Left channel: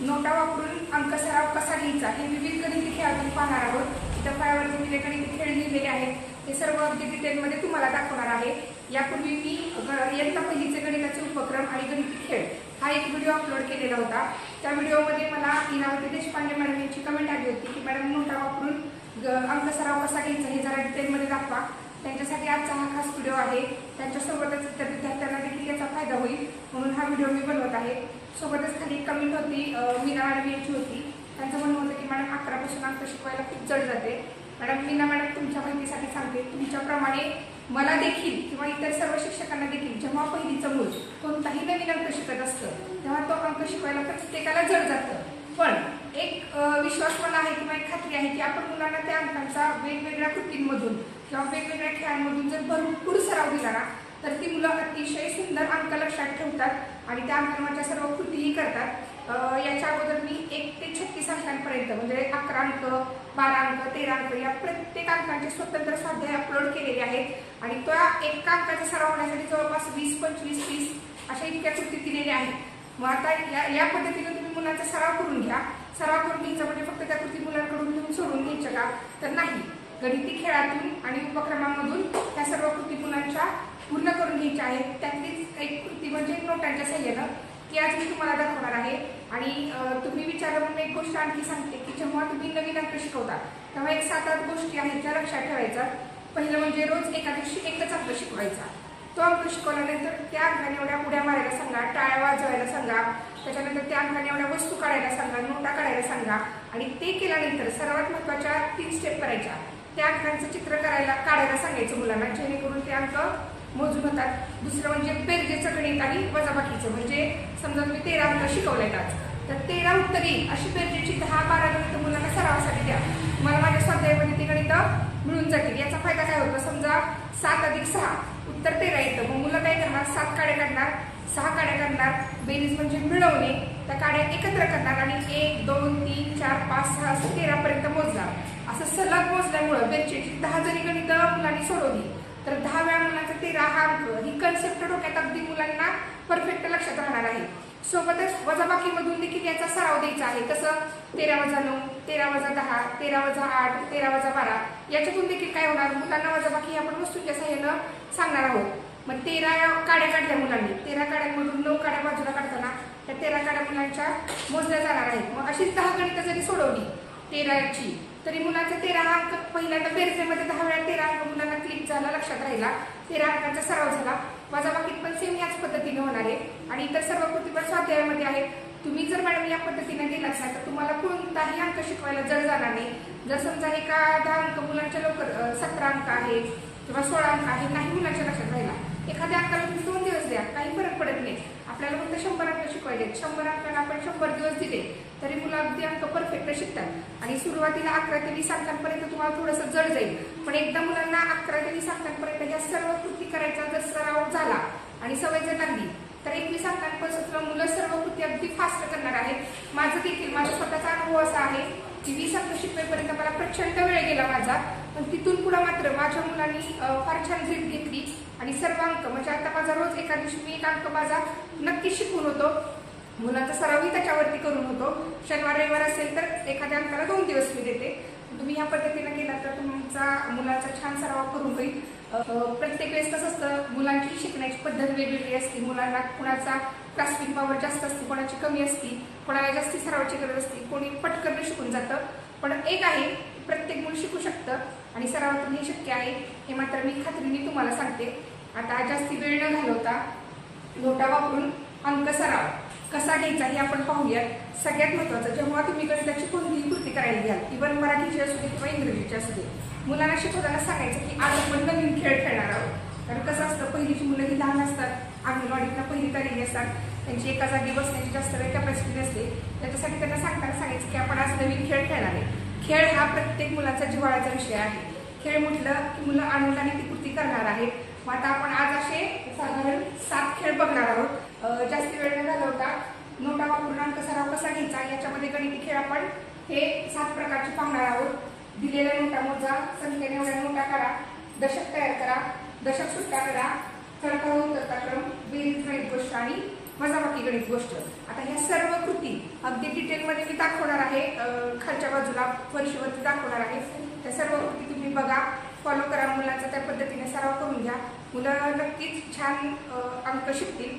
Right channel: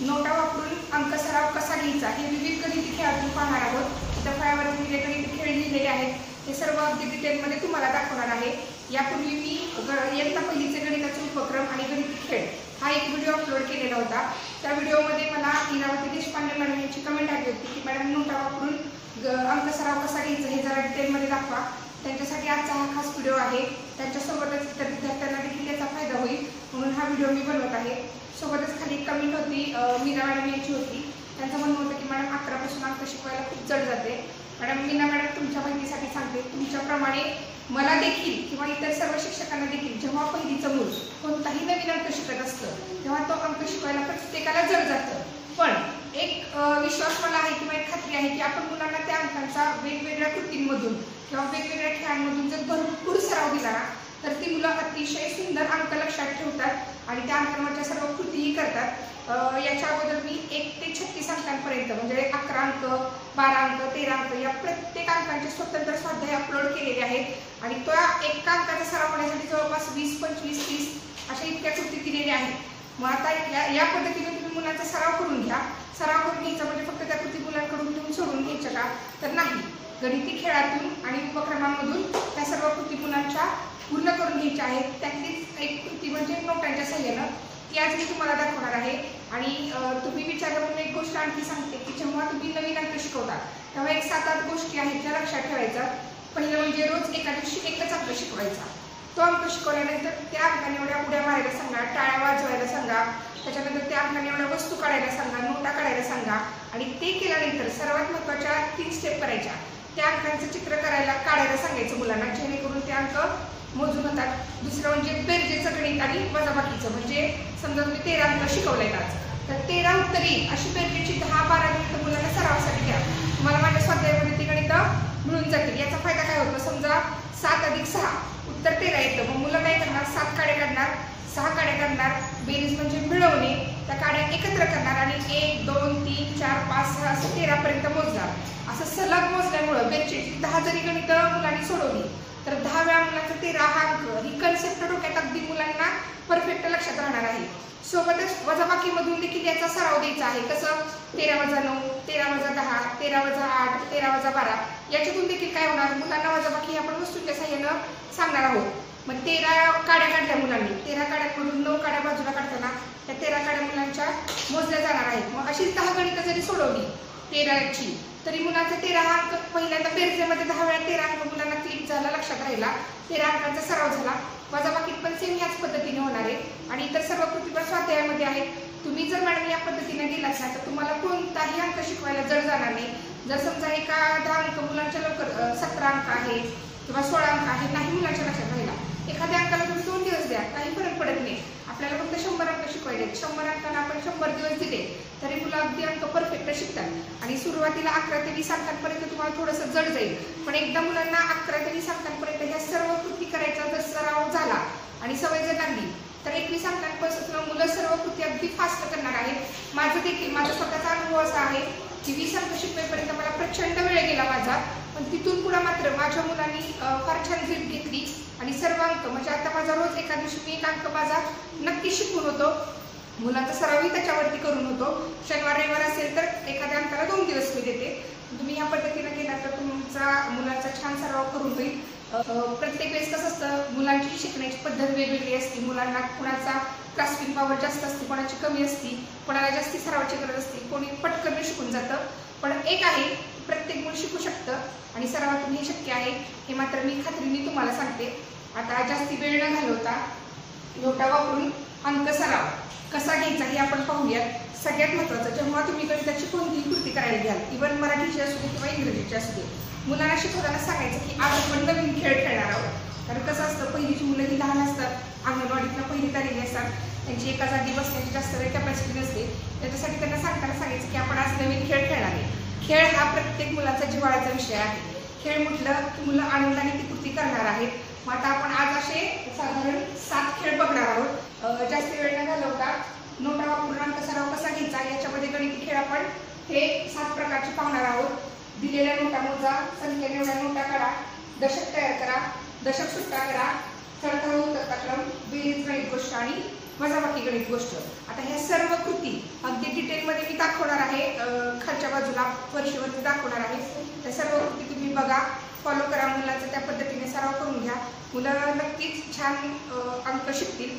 नोटा वापरून अंक सराव कसा घ्यायचा हे विविध गणिती खेळातून पाहणार आहोत। इथं फळ्यावरती मी गणिती खेळ लिहिलेले आहेत, हे सर्व अगदी डिटेलमध्ये तुम्हाला दाखवणार आहे। यापूर्वी मी इयत्ता पहिलीचे गणिताचे उपक्रम आणि गणिती खेळ हा एक व्हिडिओ अपलोड केलेला होता। त्या व्हिडिओमध्ये मला इरावती देशपांडे मॅडम यांची कमेंट आली होती की मॅडम नोटा वापरून अंक सराव कसा घ्यायचा हे जरा डिटेलमध्ये दाखवा। त्यांच्यासाठी आजचा हा खास व्हिडिओ आहे। त्यांच्यासोबतच इतर विद्यार्थ्यांना देखील याचा फायदा होईल म्हणून हा व्हिडिओ मी बनवत आहे। सोबतच खाली एक कमेंट होती मीना मॅडम यांची होती, त्यांचं म्हणणं होतं की मॅडम 11 पासून अंक शिकवायला खूप जड जाते। मॅडम मीना मॅडम तुमच्या माहितीसाठी सांगते, तुमच्याप्रमाणे मला देखील किंवा इतर सर्व शिक्षकांना देखील जेव्हा पहिलीचं मूल कोणताही नवीन अंक शिकत असतं तेव्हा तो अंक शिकवायला प्रत्येकाला जड जातं। पण एक विश्वास मला आहे किंवा एक खात्री आहे की आपण मुलांना त्या अंकांचा वेगवेगळ्या कृतींमधून किंवा वेगवेगळ्या खेळांमधून जर भरपूर सराव दिला ना तर ती मुलं अतिशय सुंदर अंक लक्षात ठेवतात आणि त्या अंकांवरच्या सर्व कृतीही करतात। याच्या अगोदर मी 1 ते 36 अंकांपर्यंत म्हणजे 11 अंक, 12 अंक, 13 अंक या प्रत्येक अंकांचे स्वतंत्र स्वाध्याय अपलोड केलेले आहेत आणि त्या एका अंकाचा सराव होण्यासाठी जवळपास 20, 25, 30 अशा इतक्या कृती दिलेल्या आहेत। मग आता या पद्धतीने तुम्ही मुलांचा सराव करून घ्या। सराव करून घ्यायचा म्हणजे फक्त त्या कृती मुलांकडून घेऊन सोडून घ्यायच्या का तर नाही, गणिती खेळातून आणि उपक्रमांमधून त्या सर्व कृती मुलांच्या पूर्ण करून घ्यायच्या आहेत। त्यातलीच एक कृती म्हणजे नोटांच्या सहाय्यानं, ती आज मी तुम्हाला दाखवणार आहे। आणि तुम्ही विचारलं म्हणून एक गोष्ट आणखी सांगते की जेव्हा तुम्ही नवीन अंक शिकवता तेव्हा एक 7-8 गोष्टी आहेत ज्या लक्षात ठेवायच्या। पहिलं म्हणजे रोज एका दिवशी एकच अंक शिकवायचा। तो अंक शिकवल्यानंतर त्या अंकाने एवढ्या उड्या मारायला सांगा, टाळ्या वाजवायला सांगा, त्याच्यानंतर त्या अंकाने एवढ्या वस्तू काढायला सांगा, नोटा काढायला सांगा आणि ते केल्यानंतर सर्वात महत्त्वाच्या 3 स्टेप करायच्या। त्या अंकांचं चित्र काढायला सांगायचं मुलांना, जेणेकरून ते अंक मोजून होतात। दुसरं म्हणजे बेरजेचं गणित आणि वजाबाकीचं, म्हणजे समजा तुम्ही 13 अंक शिकवलेत आज तर 13 उत्तर येईल अशी बेरजेची 10-12 गणितं मुलांना सरावासाठी द्या। तुम्हाला माझ्या स्वाध्यायामध्ये ती गणितं मिळून जातील। याचा फायदा काय होतो, समजा 7 अधिक 6 उत्तर 13 येतं, मग मुलं काय करणार, 7 काड्या काढणार, 6 काड्या काढणार, बेरीज म्हणजे मिळवणे, त्या काड्या एकत्र करणार आणि 1, 2, 3, 4, 5, 6 असं 13 पर्यंत मोजणार। असं सलग मोजल्यामुळं बेरजेची 10 जरी गणितं मुलांनी सोडवली तर 10 वेळा मुलांचा 13 हा अंक, ही कन्सेप्ट डोक्यात अगदी मुलांना परफेक्ट लक्षात राहणार आहे। सोबतच वजाबाकीमधून देखील याचा सराव द्यायचा आहे। कसं, 13 - 9, 13 - 10, 13 - 8, 13 - 12 याच्यातून देखील काय होणार, मुलांना वजाबाकी आपण वस्तूंच्या साहाय्यानं सांगणार आहोत। मग 13 काड्या काढल्या मुलांनी, 13 काड्यांमधून 9 काड्या बाजूला काढताना त्या 13 काड्या मुलांच्या मोजल्या जाणार आहेत। मग अशीच 10 गणितं जरी सोडवली 13ची तरी मुलांचा 13 हा अंक पहिल्यांदा बेरजेमध्ये 10 वेळा 13 अंक मुलांना क्लिक झाला, लक्षात राहिला, 13 अंकांचा सराव झाला। वजाबाकीत पण सेम ह्याच पद्धतीने होणार आहे आणि इतर सर्व कृती पण स्वाध्यायामध्ये आहेत। तुम्ही जर मॅडम या पद्धतीने गेलात ना तर तुम्हाला कोणताही अंक शिकवायला जड जाणार नाही। जर समजा एखादा अंक मुलांच्या लवकर 17 अंक आहे किंवा 16 अंक आहे, नाही मुलांच्या लक्षात राहिला, एखाद्या अंकाला तुम्ही 2 दिवस द्या, काही फरक पडत नाही। आपल्याला फक्त 100 अंक शिकवायचे, 100 अंकांना आपण 100 दिवस दिले तरी मुलं अगदी अंक परफेक्ट शिकतात। आणि सुरुवातीला 11 ते 20 अंकांपर्यंत तुम्हाला थोडंसं जड जाईल, पण एकदा मुलांना 11 ते 20 अंकांपर्यंत ह्या सर्व कृती करायचा जर सराव झाला आणि सवय जर लागली तर 21 अंकांपासून मुलं सर्व कृती अगदी फास्ट करणार आहेत। माझा स्वतःचा अनुभव असा आहे की 20 अंक शिकवेपर्यंत मला प्रचंड वेळ गेला माझा, पण तिथून पुढे मात्र माझ्या मुलांनी फार छान ग्रीप घेतली आणि सर्व अंक म्हणजे आता माझा रोज एका दिवशी मी 1 अंक माझा नक्की शिकवून होतो। मुलांचा सरावही त्याच्यावरती करून होतो। शनिवार रविवार असेल तर एखाद्या अंकाला 2 दिवस मी देते। तुम्ही ह्या पद्धतीने केला तर तुमचा मुलांचा छान सराव करून होईल। प्रत्येक वेळेस कसं असतं, मुलांची शिकण्याची पद्धत वेगवेगळी असते। मुलांना कुणाचा ग्रास्पिंग पॉवर जास्त असते, कोणाची कमी असते, कोणाला जास्ती सरावाची गरज असते, कोणी पटकन शिकून जातं। पण एक आहे, प्रत्येक मूल शिकू शकतं आणि सरावातून हे शक्य आहे, हे मात्र मी खात्रीने तुम्हाला सांगते। आता जास्ती वेळ न घालवता नोटा वापरून अंक सराव कसा घ्यायचा हे आपण पाहूयात। सगळ्यात महत्त्वाचं, जेव्हा तुम्ही गणिताची कोणतीही कृती करायला घ्याल, इव्हन मराठीची असू दे किंवा इंग्रजीची असू दे, मुलांना शिकवताना सांगायचं की आज आपण नवीन खेळ खेळणार आहोत। कारण कसं असतं, पहिलीची मुलं ही लहान असतात, अंगणवाडीतनं पहिलीत आलेली असतात, त्यांची एका जागी बसण्याची जास्त वेळ कॅपॅसिटी नसते। त्याच्यासाठी त्यांना सांगायचं की आपण आज नवीन खेळ खेळणार आहे। खेळ हा प्रत्येक मुलाचा जिव्हाळ्याचा विषय आहे। खेळ म्हटलं की मुलं आनंदाने ती कृती करणार आहेत। मग आता आपण आज असे साधारण 7 खेळ बघणार आहोत। जास्त वेळ न घालवता नोटा वापरून अंक सराव कसा घ्यायचा याच्यामध्ये गणिती खेळ आपण हे 7 प्रकारचे पाहणार आहोत। दिलेल्या नोटा मोजा, संख्येने एवढ्या नोटा काढा, दशक तयार करा, दशक सुट्टा करा, चढता व उतरता क्रम, बेरीज गणित गोष्ट आणि वजाबाकी गणित गोष्ट. आता ह्या सर्व कृती अगदी डिटेलमध्ये मी दाखवणार आहे, खालच्या बाजूला फरशीवरती दाखवणार आहे. त्या सर्व कृती तुम्ही बघा, फॉलो करा, मुलांचा त्या पद्धतीने सराव करून घ्या. मुलं नक्कीच छान अंक शिकतील.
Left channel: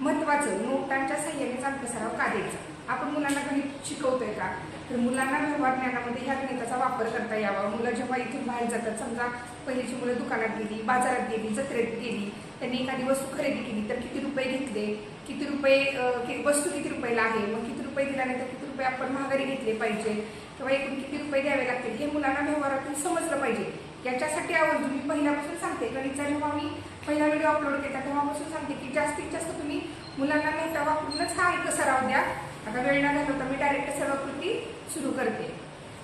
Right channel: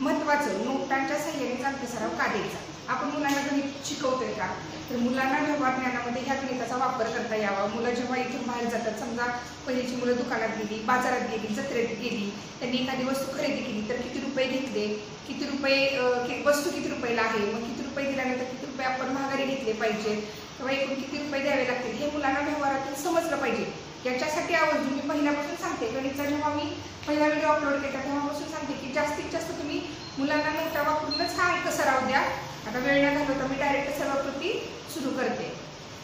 महत्त्वाचं, नोटांच्या साह्यानेच अंक सराव का द्यायचा. आपण मुलांना गणित शिकवतोय का, तर मुलांना व्यवहार ज्ञानामध्ये ह्या गणिताचा वापर करता यावा. मुलं जेव्हा इथून बाहेर जातात, समजा पहिलीची मुलं दुकानात गेली, बाजारात गेली, जत्रेत गेली, त्यांनी एखादी वस्तू खरेदी केली तर किती रुपये घेतले, किती रुपये वस्तू किती रुपयाला आहे, मग किती रुपये दिल्यानंतर किती रुपये आपण महागारी घेतले पाहिजे किंवा एकूण किती रुपये द्यावे लागतील, हे मुलांना व्यवहारातून समजलं पाहिजे. याच्यासाठी आवर्जून मी पहिल्यापासून सांगते, गणितचा जेव्हा मी पहिला व्हिडिओ अपलोड केला तेव्हापासून सांगते की जास्तीत जास्त तुम्ही मुलांना नोटा वापरूनच हा अंक सराव द्या. आता वेळ न घालवता मी डायरेक्ट सर्व कृती सुरू करते.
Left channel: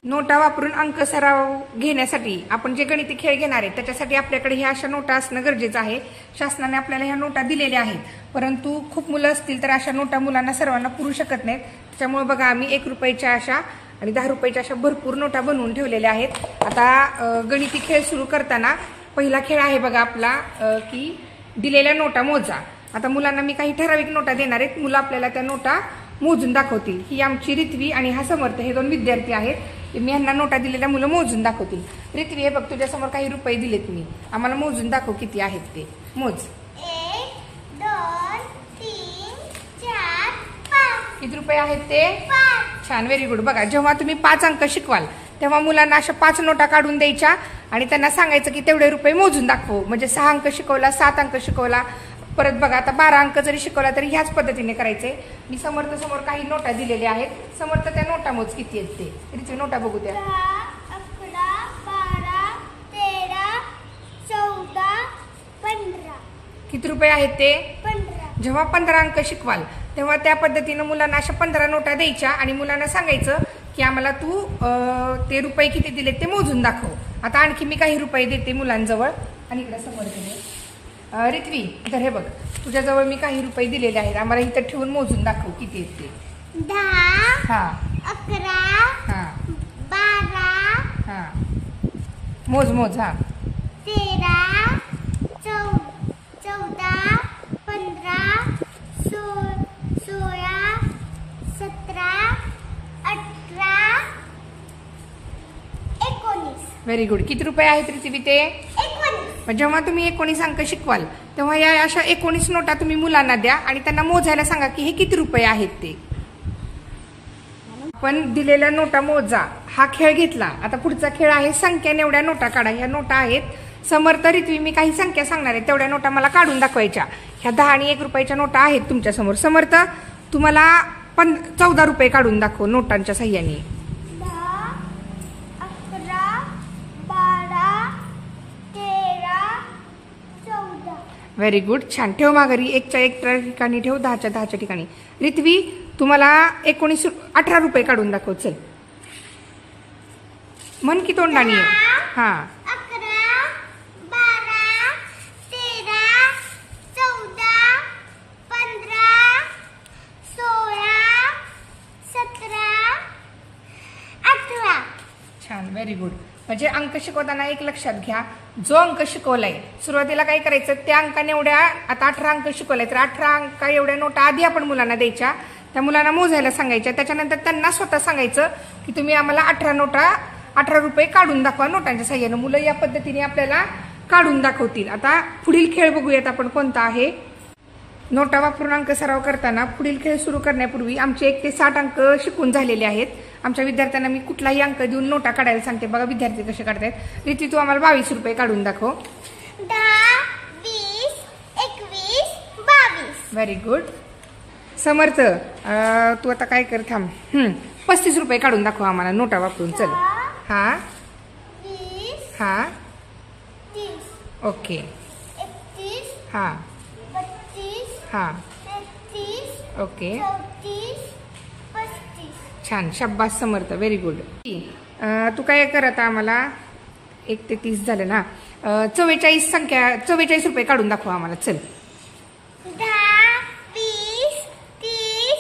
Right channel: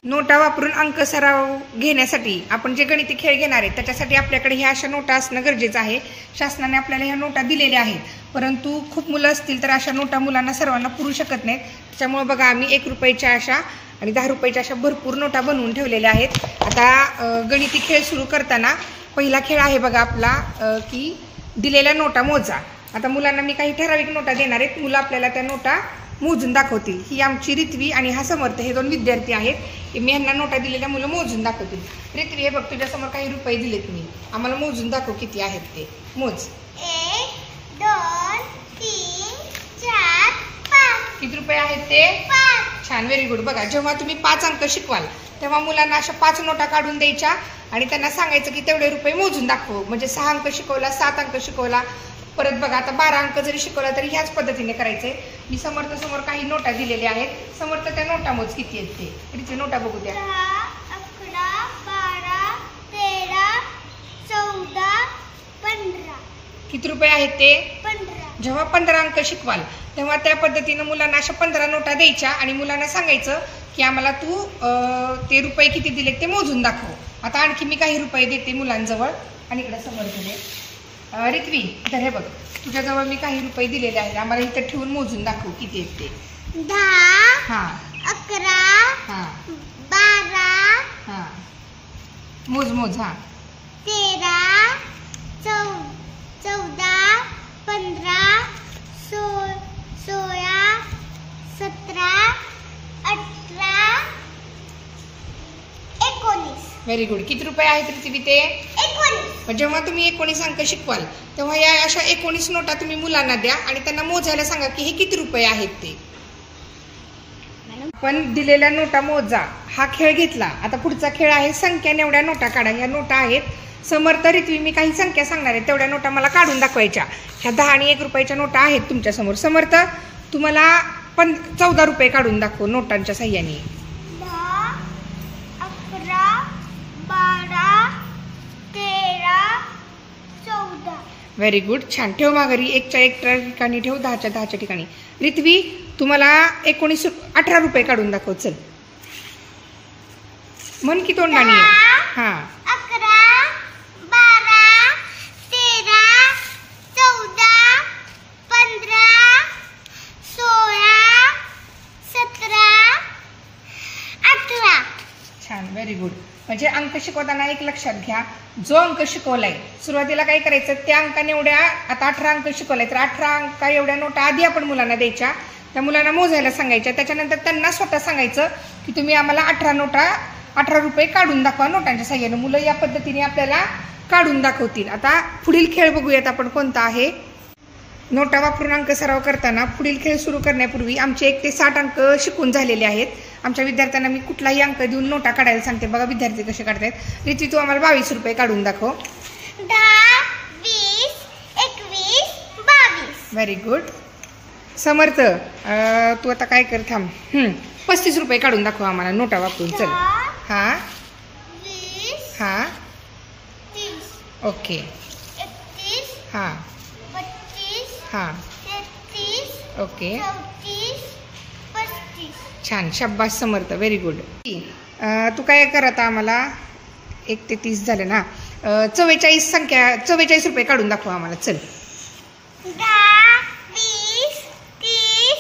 नोटा वापरून अंक सराव घेण्यासाठी आपण जे गणिती खेळ घेणार आहे त्याच्यासाठी आपल्याकडे ह्या अशा नोटा असणं गरजेचं आहे. शासनाने आपल्याला ह्या नोटा दिलेल्या आहेत, परंतु खूप मुलं असतील तर अशा नोटा मुलांना सर्वांना पुरू शकत नाहीत. त्याच्यामुळे बघा, आम्ही 1 रुपयाच्या अशा आणि 10 रुपयाच्या अशा भरपूर नोटा बनवून ठेवलेल्या आहेत. आता गणिती खेळ सुरू करताना पहिला खेळ आहे बघा आपला, की दिलेल्या नोटा मोजा. आता मुलांना मी काही ठराविक नोटा देणार आहेत, मुलं आपल्याला त्या नोटा मोजून दाखवतील. ही आमची रित्वी आणि हा समर्थ, हे 2 विद्यार्थी आहेत. मी यांना नोटा दिलेल्या मुलं मोजून दाखवतील. रित्वी, हे बघ, तुझ्यासमोर काही रुपये दिलेत मी, आम्हाला मोजून दाखव किती आहेत ते. मोज. 1 2 3 4 5. किती रुपये आहेत ते? 5. छान, व्हेरी गुड. बघा, जेव्हा तुम्ही 5 अंक शिकवाल तेव्हा मुलांना अशा 5 नोटा काढून द्यायच्या आणि त्यांना सांगायचं की तेवढे रुपये मोजून दाखव. म्हणजे 6 अंक शिकवला, 7 अंक शिकवला, परत बघा आता 12 अंक जरी शिकवला तरी ह्याच पद्धतीने करायचे. मी समर्थ समोर काही नोटा दिलेल्या आहेत. समर्थ, त्या नोटा मोज किती आहेत ते. तिथे नोटा बघू द्या. 10 11 12 13 14 15. किती रुपये आहेत ते? 15. जेव्हा 15 अंक शिकवाल तेव्हा त्या पद्धतीनं मुलांना अशा 15 नोटा द्यायच्या आणि मुलांना सांगायचं की आम्हाला तू ते रुपये किती दिलेत ते मोजून दाखव. आता आणखी मी काही रुपये देते मुलांजवळ आणि इकडे समर्थ दे. रित्वी, तर हे बघ, तुझ्याजवळ मी काही रुपये दिलेले आहेत, आम्हाला इथं ठेवून मोजून दाखव किती आहेत ते. 10 हां 11 हां 12 हां मोज मोज. हां 13 14 15 16 17 18 19. Very good. किती रुपये आहेत रित्वी ते? 19. जेव्हा तुम्ही 19 अंक शिकवाल तेव्हा या अशा 19 नोटा तुम्ही मुलांना द्या आणि त्यांना मोजायला सांगा की हे किती रुपये आहेत ते. आपण दिलेल्या नोटा मोजा हा खेळ घेतला. आता पुढचा खेळ आहे संख्या नेवड्या नोटा काढा. ह्या नोटा आहेत. समर्थ, रित्वी, मी काही संख्या सांगणार आहे, तेवढ्या नोटा मला काढून दाखवायच्या. ह्या 10 आणि 1 रुपयाच्या नोटा आहेत तुमच्यासमोर. समर्थ, तुम्हाला 14 रुपये काढून दाखव नोटांच्या साह्याने. 10 11 12 13 14. व्हेरी गुड, छान. ठेव माघारी, 1च्या 1 ठिकाणी ठेव, 10च्या 10च्या ठिकाणी. रित्वी, तुम्हाला 18 रुपये काढून दाखव. चल, मन की तोंडाने. हां 11 12 13 14 15 16 17 18. छान, व्हेरी गुड. म्हणजे अंक शिकवताना एक लक्षात घ्या, जो अंक शिकवलाय सुरुवातीला काय करायचं, त्या अंकाने एवढ्या, आता 18 अंक शिकवलाय तर 18 अंक एवढ्या नोटा आधी आपण मुलांना द्यायच्या, त्या मुलांना मोजायला सांगायच्या. त्याच्यानंतर त्यांना स्वतः सांगायचं की तुम्ही आम्हाला 18 रुपये काढून दाखवा नोटांच्या साह्यानं. मुलं या पद्धतीने आपल्याला काढून दाखवतील. आता पुढील खेळ बघूयात आपण कोणता आहे. नोटा वापरून अंक सराव करताना पुढील खेळ सुरू करण्यापूर्वी आमचे 1 ते 60 अंक शिकून झालेले आहेत. आमच्या विद्यार्थ्यांना मी कुठलाही अंक देऊन नोटा काढायला सांगते. बघा विद्यार्थी कसे काढतायत. रित्वी, तू आम्हाला 22 रुपये काढून दाखव. 10 20 21 22. Very good. समर्थ, तू आता काय कर, थांब. 35 रुपये काढून दाखव आम्हाला नोटा वापरून. चल. हां 20 हां 30 ओके. 31 हां 32 हां 33 ओके. 34 35. छान, शाब्बास समर्थ, व्हेरी गुड. तू काय कर आता आम्हाला 1 ते 30 झाले ना. 44 संख्या, 44 रुपये काढून दाखव आम्हाला. चल. 10 20 30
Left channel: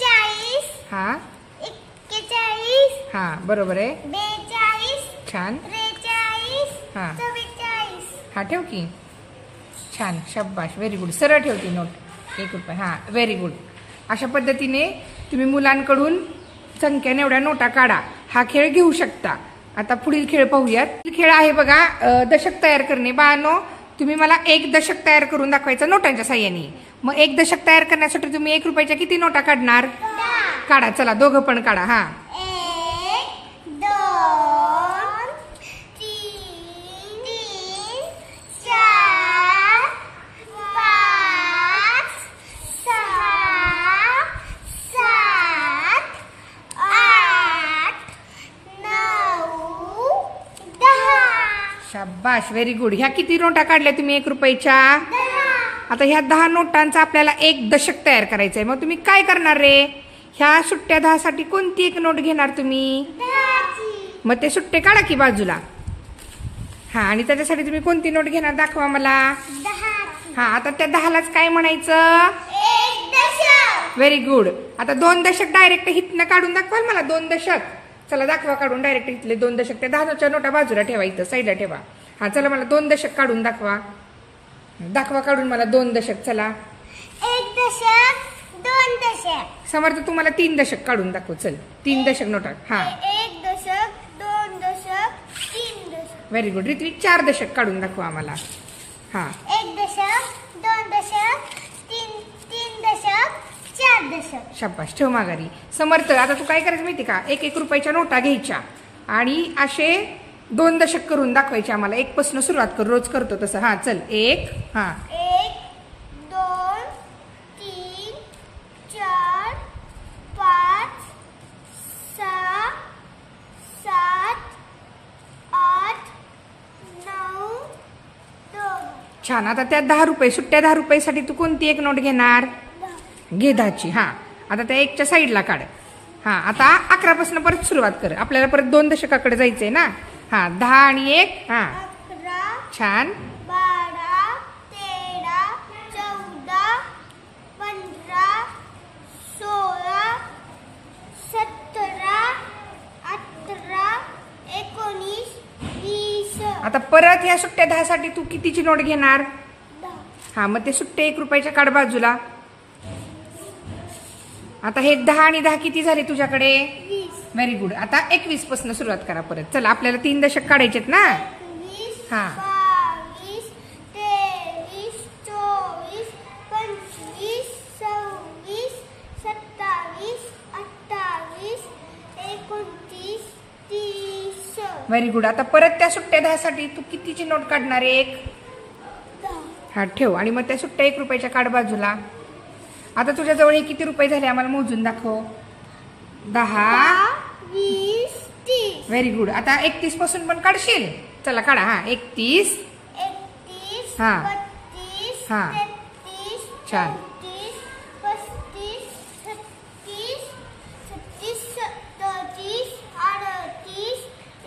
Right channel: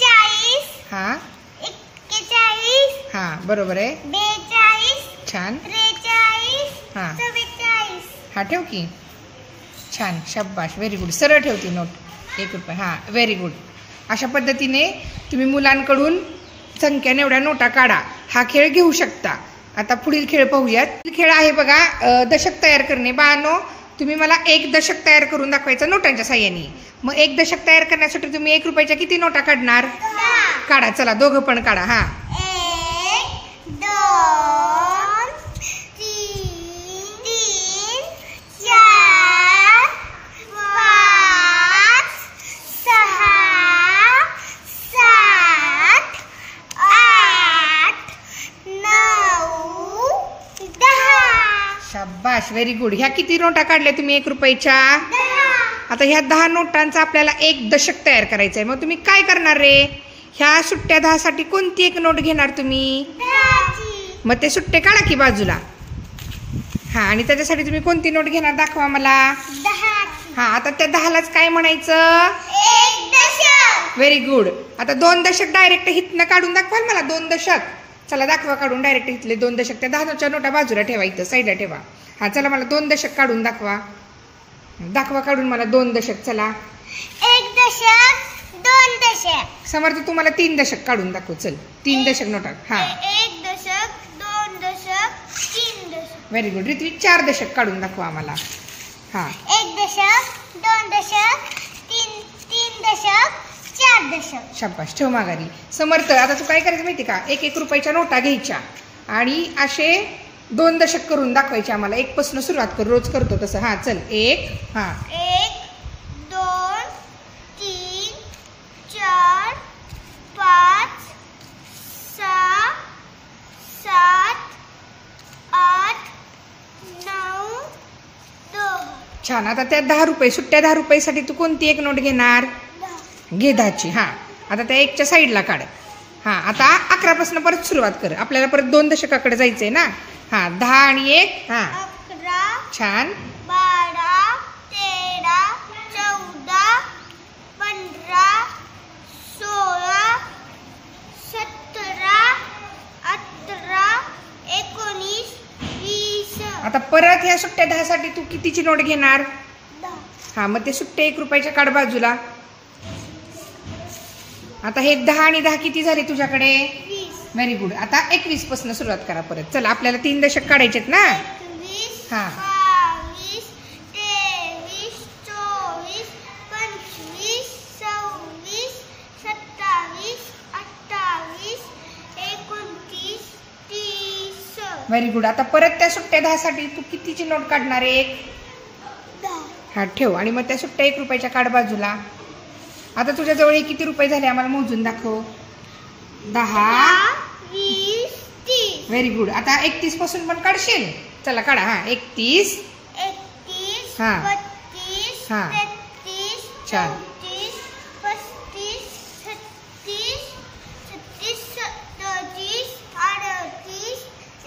40 हां 41 हां बरोबर आहे. 42 छान. 43 हां 44. हा ठेव की. छान, शाब्बास, व्हेरी गुड. सरळ ठेवती नोट. ₹1 हां, व्हेरी गुड. अशा पद्धतीने तुम्ही मुलांकडून संख्येने एवढ्या नोटा काढा. हा खेळ घेऊ शकता. आता पुढील खेळ पाहूयात. खेळ आहे बघा दशक तयार करणे. बाळांनो, तुम्ही मला एक दशक तयार करून दाखवायचं नोटांच्या साह्याने. मग एक दशक तयार करण्यासाठी तुम्ही ₹1 किती नोटा काढणार? काढा, चला दोघं पण काढा. हा 1 2 3 4 5 6 7 8 9 10. शाबाश, व्हेरी गुड. ह्या किती नोटा काढल्या तुम्ही ₹1? आता ह्या 10 नोटांचा आपल्याला एक दशक तयार करायचं आहे. मग तुम्ही काय करणार रे? ह्या सुट्ट्या 10 साठी कोणती एक नोट घेणार तुम्ही? मग ते सुट्टे काढा की बाजूला. हा, आणि त्याच्यासाठी तुम्ही कोणती नोट घेणार दाखवा मला. हा, आता त्या 10लाच काय म्हणायचं? एक दशक. Very good. आता 2 दशक डायरेक्ट हितनं काढून दाखवाल मला? 2 दशक चला दाखवा काढून. डायरेक्ट हितले 2 दशक. त्या 10च्या नोटा बाजूला ठेवा, इथं साईडला ठेवा. हा, चला मला 2 दशक काढून दाखवा. दाखवा काढून मला 2 दशक. चला, एक दशक 2 दशक. समर्थ तुम्हाला 3 दशक काढून दाखव. चल, 3 दशक नोटा. हा, एक दशक 2 दशक 3 दशक. Very good. रित्वी 4 दशक काढून दाखवा आम्हाला. हा, एक दशक 2 दशक 3 दशक 4 दशक. शाबाश, ठेव माघारी. समर्थ, आता तू काय करायचं माहिती का? ₹1 नोटा घ्यायच्या आणि असे 2 दशक करून दाखवायचे आम्हाला. 1 पासून सुरुवात कर, रोज करतो तसं. हा, चल 1. हा, 1 2 3 4 5 6 7 8 9 10. छान. आता त्या ₹10 सुट्ट्या ₹10 साठी तू कोणती एक नोट घेणार? घे 10ची. हा, आता त्या 1च्या साईडला काढ. हा, आता 11 पासून परत सुरुवात कर. आपल्याला परत 2 दशकाकडे जायचंय ना. हा, 10 आणि 1. हा, 11 छान. 12 13 14 15 16 17 18 19 20. आता परत ह्या सुट्ट्या 10 साठी तू कितीची नोट घेणार? 10. हा, मग ते सुट्टे ₹1 काढ बाजूला. आता हे 10 आणि 10 किती झाले तुझ्याकडे? 20. Very good. आता 21 पासून सुरुवात करा परत. चला, आपल्याला 3 दशक काढायचेत ना. 21 हा. 22 23 24 25 26 27 28 29 30. Very good. आता परत त्या सुट्ट्या 10 साठी तू कितीची नोट काढणार? 1. 10. हा, ठेव. आणि मग त्या सुट्ट्या ₹1 काढ बाजूला. आता तुझ्याजवळ हे किती रुपये झाले आम्हाला मोजून दाखव. 10 20 30. Very good. आता 31 पासून पण काढशील? चला काढा. हा, 31. 31 हा. 32 हा. 33 छान. 34 35 36 37 38 39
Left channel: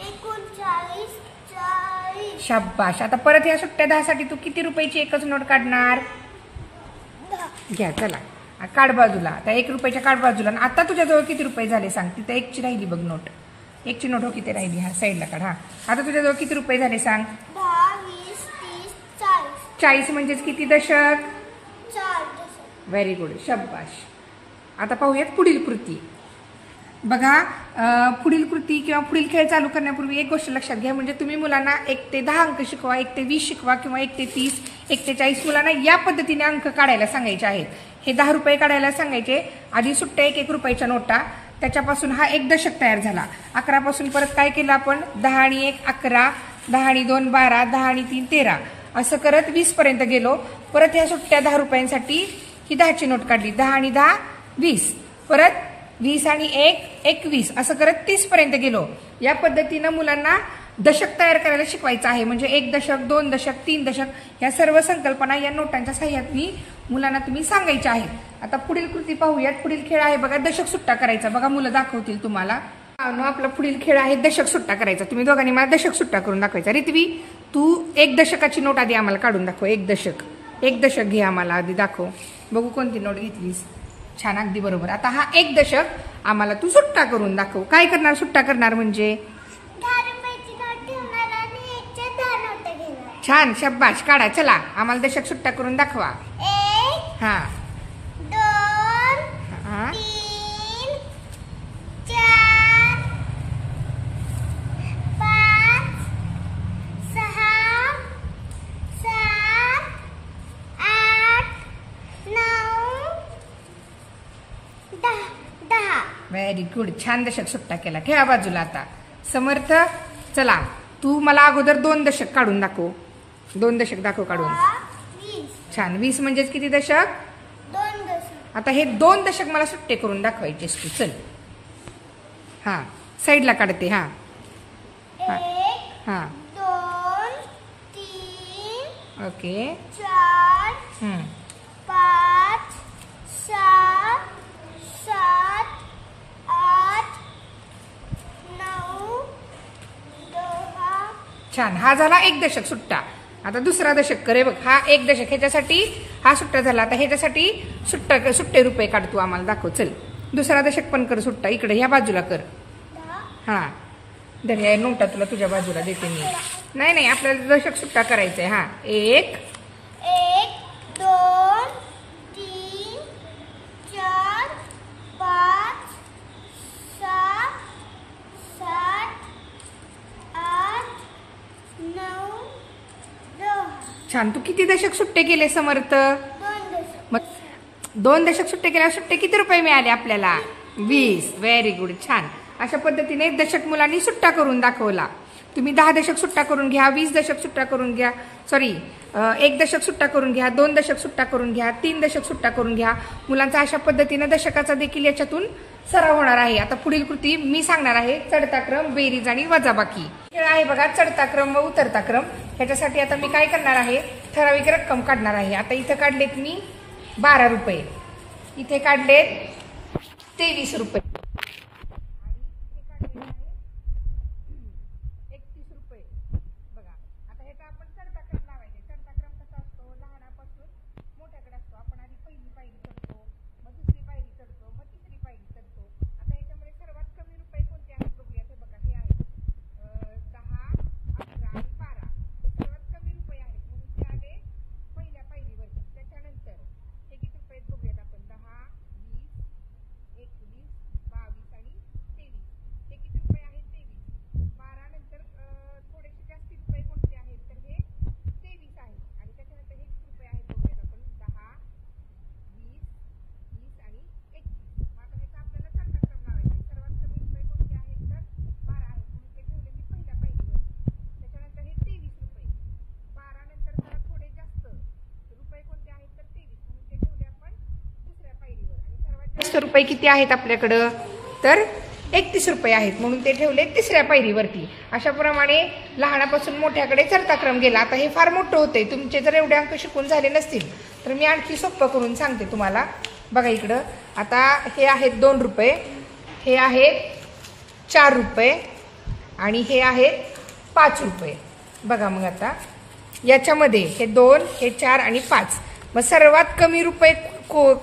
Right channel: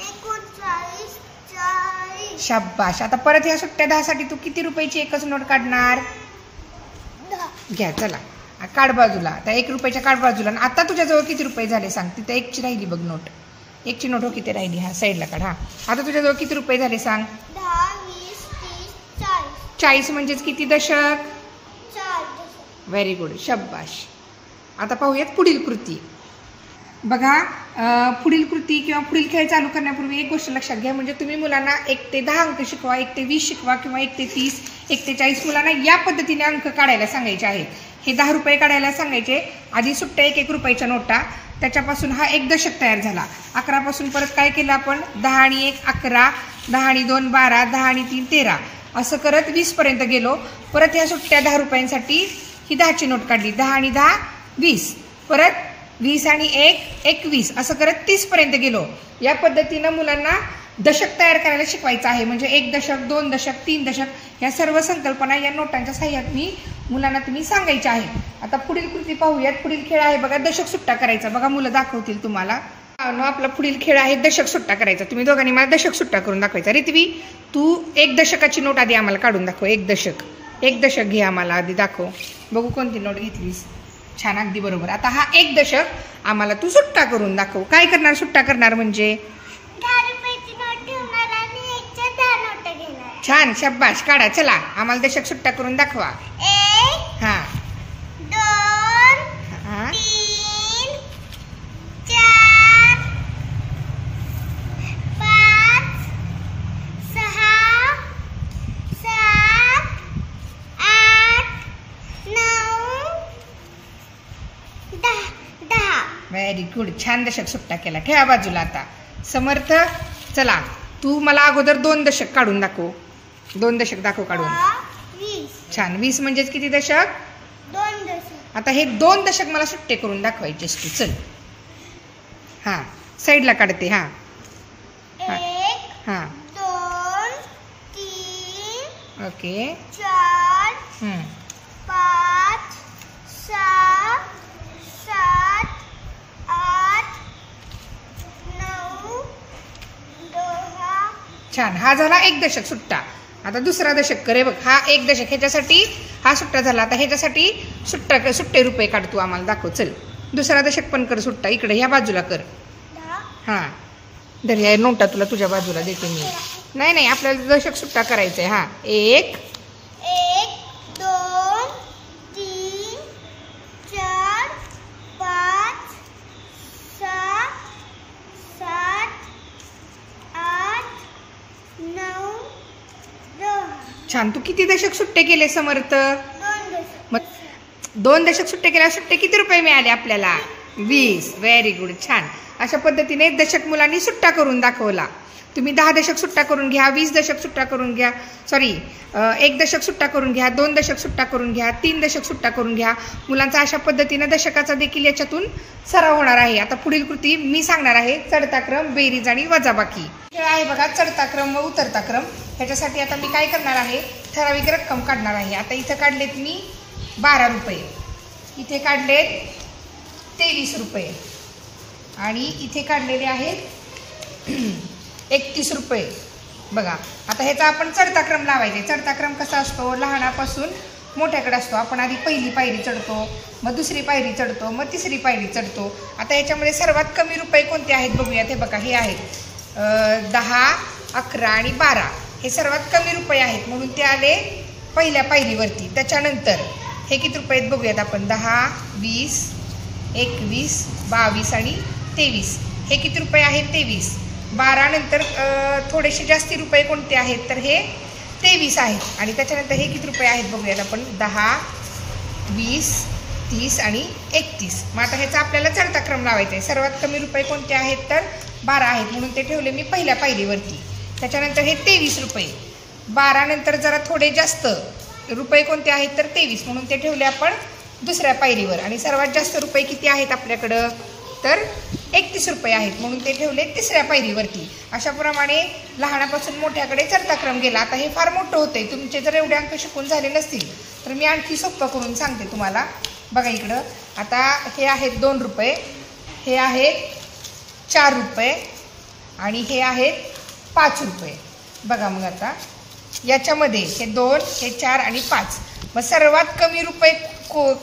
39 40. शाबाश. आता परत ह्या सुट्ट्या 10 साठी तू किती रुपयाची एकच नोट काढणार? 10. घ्या, चला काढ बाजूला. त्या ₹1 काढ बाजूला. आणि आता तुझ्याजवळ किती रुपये झाले सांग? तिथं 1ची राहिली बघ नोट. 1ची नोट हो, किती राहिली? हा, साईडला काढ. हा, आता तुझ्याजवळ किती रुपये झाले सांग? 10 20 30 40. 40 म्हणजेच किती दशक? 4 दशक. व्हेरी गुड, शाबाश. आता पाहूयात पुढील कृती. बघा, पुढील कृती किंवा पुढील खेळ चालू करण्यापूर्वी एक गोष्ट लक्षात घ्या. म्हणजे तुम्ही मुलांना 1 ते 10 अंक शिकवा, 1 ते 20 शिकवा किंवा 1 ते 30 1 ते 40 मुलांना या पद्धतीने अंक काढायला सांगायचे आहेत. हे ₹10 काढायला सांगायचे. आधी सुट्ट्या ₹1 नोटा, त्याच्यापासून हा एक दशक तयार झाला. 11 पासून परत काय केलं आपण? 10 आणि 1 11, 10 आणि 2 12, 10 आणि 3 13, असं करत 20 पर्यंत गेलो. परत ह्या सुट्ट्या ₹10 ही 10ची नोट काढली. 10 आणि 10 20, परत 20 आणि 1 21, असं करत 30 पर्यंत गेलो. या पद्धतीनं मुलांना दशक तयार करायला शिकवायचं आहे. म्हणजे 1 दशक 2 दशक 3 दशक या सर्व संकल्पना या नोटांच्या साह्याने मुलांना तुम्ही सांगायच्या आहेत. आता पुढील कृती पाहूयात. पुढील खेळ आहे बघा दशक सुट्टा करायचा. बघा मुलं दाखवतील तुम्हाला. आपला पुढील खेळ आहे दशक सुट्टा करायचा. तुम्ही दोघांनी मला दशक सुट्टा करून दाखवायचा. रित्वी, तू 1 दशकाची नोट आधी आम्हाला काढून दाखव. 1 दशक घे आम्हाला आधी दाखव. बघू कोणती नोट घेतलीस. छान, अगदी बरोबर. आता हा 1 दशक आम्हाला तू सुट्टा करून दाखव. काय करणार? सुट्टा करणार म्हणजे 10 रुपयाची नोट ठेवणार आणि 1च्या 10 नोटा घेणार. छान, शाबाश. काढा. चला, आम्हाला दशक सुट्टा करून दाखवा. 1 हा, 10. व्हेरी गुड, छान दशक सुट्टा केला. ठेवा बाजूला. आता समर्थ, चला तू मला अगोदर 2 दशक काढून दाखव. 2 दशक दाखव काढून. 20. छान. 20 म्हणजेच किती दशक? 2 दशक. आता हे 2 दशक मला सुट्टे करून दाखवायचे तू. चल हां, साईडला काढते. हां 1, हां 2, 3, ओके. 4, 5, 6, 7, 8, 9, 10. छान. हा झाला 1 दशक सुट्टा. आता दुसरा दशक करे बघ. हा 1 दशक, ह्याच्यासाठी हा सुट्टा झाला. आता ह्याच्यासाठी सुट्टे रुपये काढ तू, आम्हाला दाखव. चल दुसरा दशक पण कर सुट्टा. इकडे ह्या बाजूला कर. 10. हां धर, ह्या नोटा तुला तुझ्या बाजूला देते मी. नाही आपल्याला दशक सुट्टा करायचा आहे. हां 1, 2, 3, 4, 5, 6, 7, 8, 9, 10. छान. तू किती दशक सुट्टे केले समर्थ? 2 दशक. मग 2 दशक सुट्टे केल्यावर सुट्टे किती रुपये मिळाले आपल्याला? 20. व्हेरी गुड, छान. अशा पद्धतीने दशक मुलांनी सुट्टा करून दाखवला. तुम्ही 10 दशक सुट्टा करून घ्या, 20 दशक सुट्टा करून घ्या, 1 दशक सुट्टा करून घ्या, 2 दशक सुट्टा करून घ्या, 3 दशक सुट्टा करून घ्या. मुलांचा अशा पद्धतीनं दशकाचा देखील याच्यातून सराव होणार आहे. आता पुढील कृती मी सांगणार आहे. चढता क्रम, बेरीज आणि वजाबाकी. खेळ आहे बघा, चढता क्रम व उतरता क्रम. ह्याच्यासाठी आता मी काय करणार आहे, ठराविक रक्कम काढणार आहे. आता इथं काढलेत मी 12 रुपये, इथे काढलेत 23 रुपये आणि इथे काढलेले आहेत 31 रुपये. बघा आता ह्याचा आपण चढता क्रम लावायचा. चढता क्रम कसा असतो? लहानापासून मोठ्याकडे असतो. आपण आधी पहिली पायरी चढतो, मग दुसरी पायरी चढतो, मग तिसरी पायरी चढतो. आता ह्याच्यामध्ये सर्वात कमी रुपये कोणते आहेत बघूयात. हे बघा, हे आहेत 10, 11 आणि 12. हे सर्वात कमी रुपये आहेत म्हणून ते आले पहिल्या पायरीवरती. त्याच्यानंतर हे किती रुपये आहेत बघूयात आपण. 10, 20, 21, 22 आणि 23. हे किती रुपये आहेत? 23. 12 नंतर थोडेसे जास्ती रुपये कोणते आहेत तर हे 23 आहेत. आणि त्याच्यानंतर हे किती रुपये आहेत बघूयात आपण. 10, 20, 30 आणि 31. मग आता ह्याचा आपल्याला चढता क्रम लावायचा आहे. सर्वात कमी रुपये कोणते आहेत तर 12 आहेत म्हणून ते ठेवले मी पहिल्या पायरीवरती. त्याच्यानंतर हे 23 रुपये. 12 नंतर जरा थोडे जास्त रुपये कोणते आहेत तर 23 म्हणून ते ठेवले आपण दुसऱ्या पायरीवर. आणि सर्वात जास्त रुपये किती आहेत आपल्याकडं तर 31 रुपये आहेत म्हणून ते ठेवले तिसऱ्या पायरीवरती. अशाप्रमाणे लहानापासून मोठ्याकडे चढता क्रम गेला. आता हे फार मोठं होतंय. तुमचे जर एवढे अंक शिकून झाले नसतील तर मी आणखी सोपं करून सांगते तुम्हाला. बघा इकडं, आता हे आहेत 2 रुपये, हे आहेत 4 रुपये आणि हे आहेत 5 रुपये. बघा मग आता याच्यामध्ये हे 2, हे 4 आणि 5. मग सर्वात कमी रुपये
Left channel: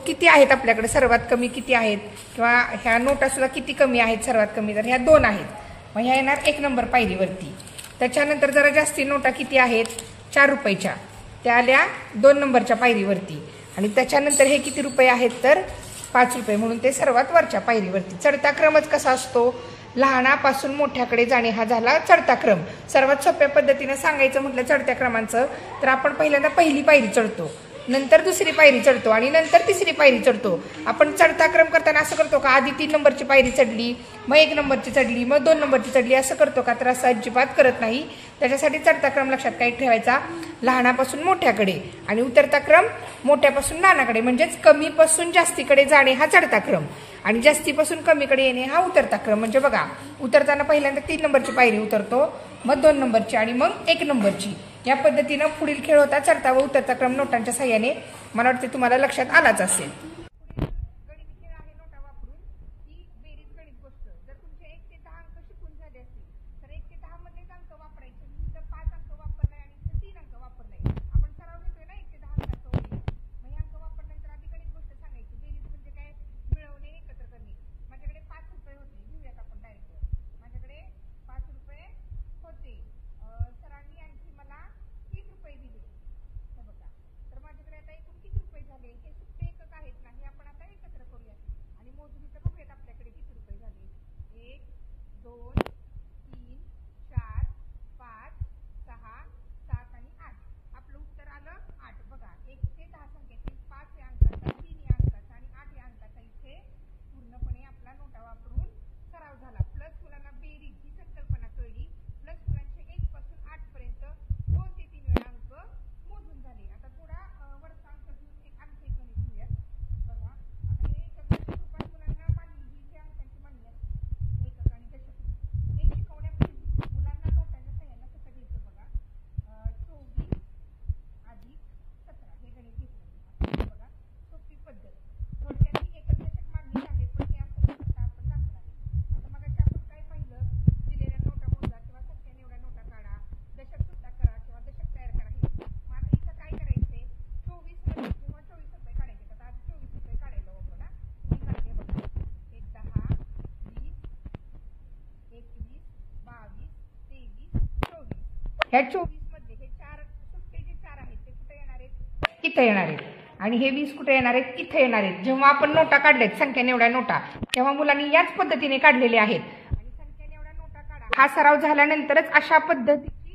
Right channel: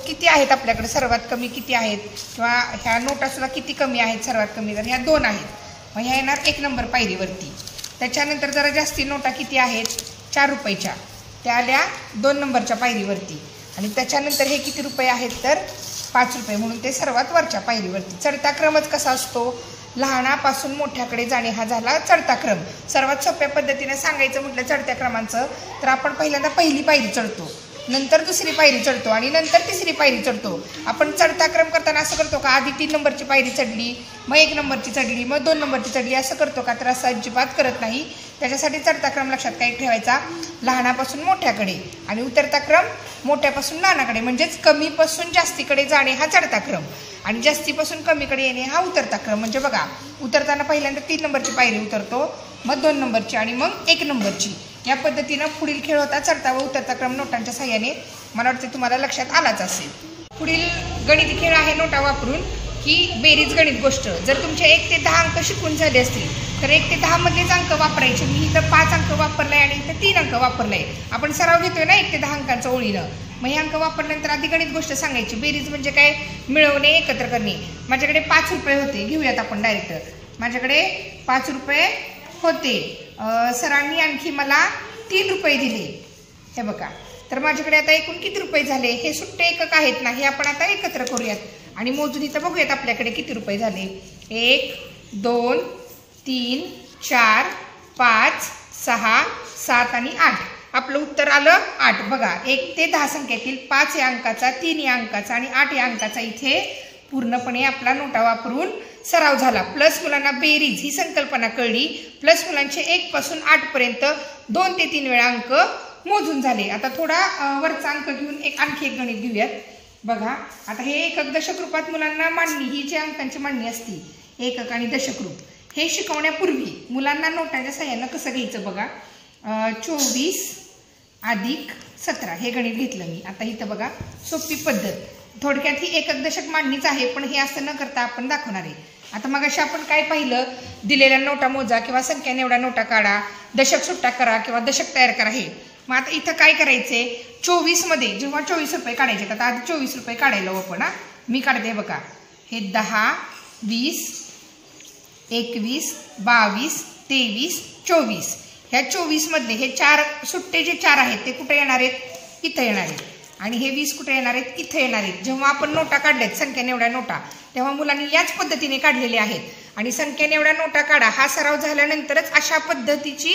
किती आहेत आपल्याकडे? सर्वात कमी किती आहेत किंवा ह्या नोटासुद्धा किती कमी आहेत? सर्वात कमी तर ह्या 2 आहेत. मग ह्या येणार 1 नंबर पायरीवरती. त्याच्यानंतर जरा जास्ती नोटा किती आहेत? 4 रुपयाच्या, त्या आल्या 2 नंबरच्या पायरीवरती. आणि त्याच्यानंतर हे किती रुपये आहेत तर 5 रुपये म्हणून ते सर्वात वरच्या पायरीवरती. चढता क्रमच कसा असतो? लहानापासून मोठ्याकडे जाणे हा झाला चढता क्रम. सर्वात सोप्या पद्धतीने सांगायचं म्हटलं चढत्या क्रमांचं तर आपण पहिल्यांदा पहिली पायरी चढतो, नंतर दुसरी पायरी चढतो आणि नंतर तिसरी पायरी चढतो. आपण चढता क्रम करताना असं करतो का आधी 3 नंबरची पायरी चढली, मग 1 नंबरची चढली, मग 2 नंबरची चढली, असं करतो का? तर असं अजिबात करत नाही. त्याच्यासाठी चढता क्रम लक्षात काय ठेवायचा? लहानापासून मोठ्याकडे आणि उतरता क्रम मोठ्यापासून लहानाकडे. म्हणजेच कमीपासून जास्तीकडे जाणे हा चढता क्रम आणि जास्तीपासून कमीकडे येणे हा उतरता क्रम. म्हणजे बघा, उतरताना पहिल्यांदा 3 नंबरची पायरी उतरतो, मग 2 नंबरची आणि मग 1 नंबरची. या पद्धतीनं पुढील खेळ होता चढता व उतरता क्रम नोटांच्या साह्याने. मला वाटते तुम्हाला लक्षात आलाच असेल. पुढील गणिती खेळ आहे नोटा वापरून की बेरीज गणित गोष्ट. जर तुमचे 1 ते 10 अंक शिकून झाले असतील तर 1 ते 10 मधलेच अंक वापरायचे. मी इथं 5 अंक वापरलाय आणि इथं 3 अंक वापरलाय. आपण सराव घेतोय ना 1 ते 10 अंकांचा ओळीनं. मग हे अंक वापरल्यानंतर आधी गणित गोष्ट सांगायची. बेरीज म्हणजे काय? मिळवणे, एकत्र करणे. माझ्याकडे 5 रुपये होते. घेऊयात आपण डायरेक्ट. माझ्याकडे 5 रुपये होते. सरांनी आणखी मला 3 रुपये दिले. हे बघा, तर माझ्याकडे आता एकूण किती रुपये झाले? हे सुट्टे एकक आहेत ना, हे आपण आता एकत्र करूयात आणि मोजून इथं बघूयात आपल्याकडे किती रुपये झाले. 1, 2, 3, 4, 5, 6, 7 आणि 8. आपलं उत्तर आलं 8. बघा, 1 ते 10 संख्येतील 5 या अंकाचा, 3 या अंकाचा आणि 8 या अंकाचा इथे पूर्णपणे आपला नोटा वापरून सराव झाला. प्लस मुलांना बेरीज ही संकल्पना कळली. प्लस मुलांचे 1 पासून 8 पर्यंत 2 ते 3 वेळा अंक मोजून झाले. आता थोडा वरचा अंक घेऊन आणखी एक गणित घेऊयात. बघा आता हे एकक दशक रूपात मुलांना मांडणी, ही जी अंकांची मांडणी असती एकक आणि दशक रूप, हे शिकवण्यापूर्वी मुलांना नोटांच्या सहाय्यानं कसं घ्यायचं बघा. 24 अधिक 17 हे गणित घेतलं मी. आता इथं बघा सोपी पद्धत, थोडक्यात ही एकक दशक मांडणीच आहे, पण हे असं न करता आपण दाखवणार आहे. आता मग अशी आपण काय पाहिलं, दिलेल्या नोटा मोजा किंवा संख्याने एवढ्या नोटा काढा, दशक सुट्टा करा किंवा दशक तयार करा. हे मग आता इथं काय करायचंय, 24 मध्ये जेव्हा 24 रुपये काढायचे, आता आधी 24 रुपये काढायला आपण. मी काढते बघा, हे 10, 20, 21, 22, 23, 24. ह्या 24 मधले हे 4 सुट्टे जे 4 आहेत ते कुठे येणार आहेत, इथं येणार आहेत. आणि हे 20 कुठे येणार आहेत, इथे येणार आहेत. जेव्हा आपण नोटा काढल्यात संख्याने एवढ्या नोटा, तेव्हा मुलांनी याच पद्धतीने काढलेल्या आहेत. आणि संख्याने एवढ्या नोटा काढा हा सराव झाल्यानंतरच अशा पद्धतीची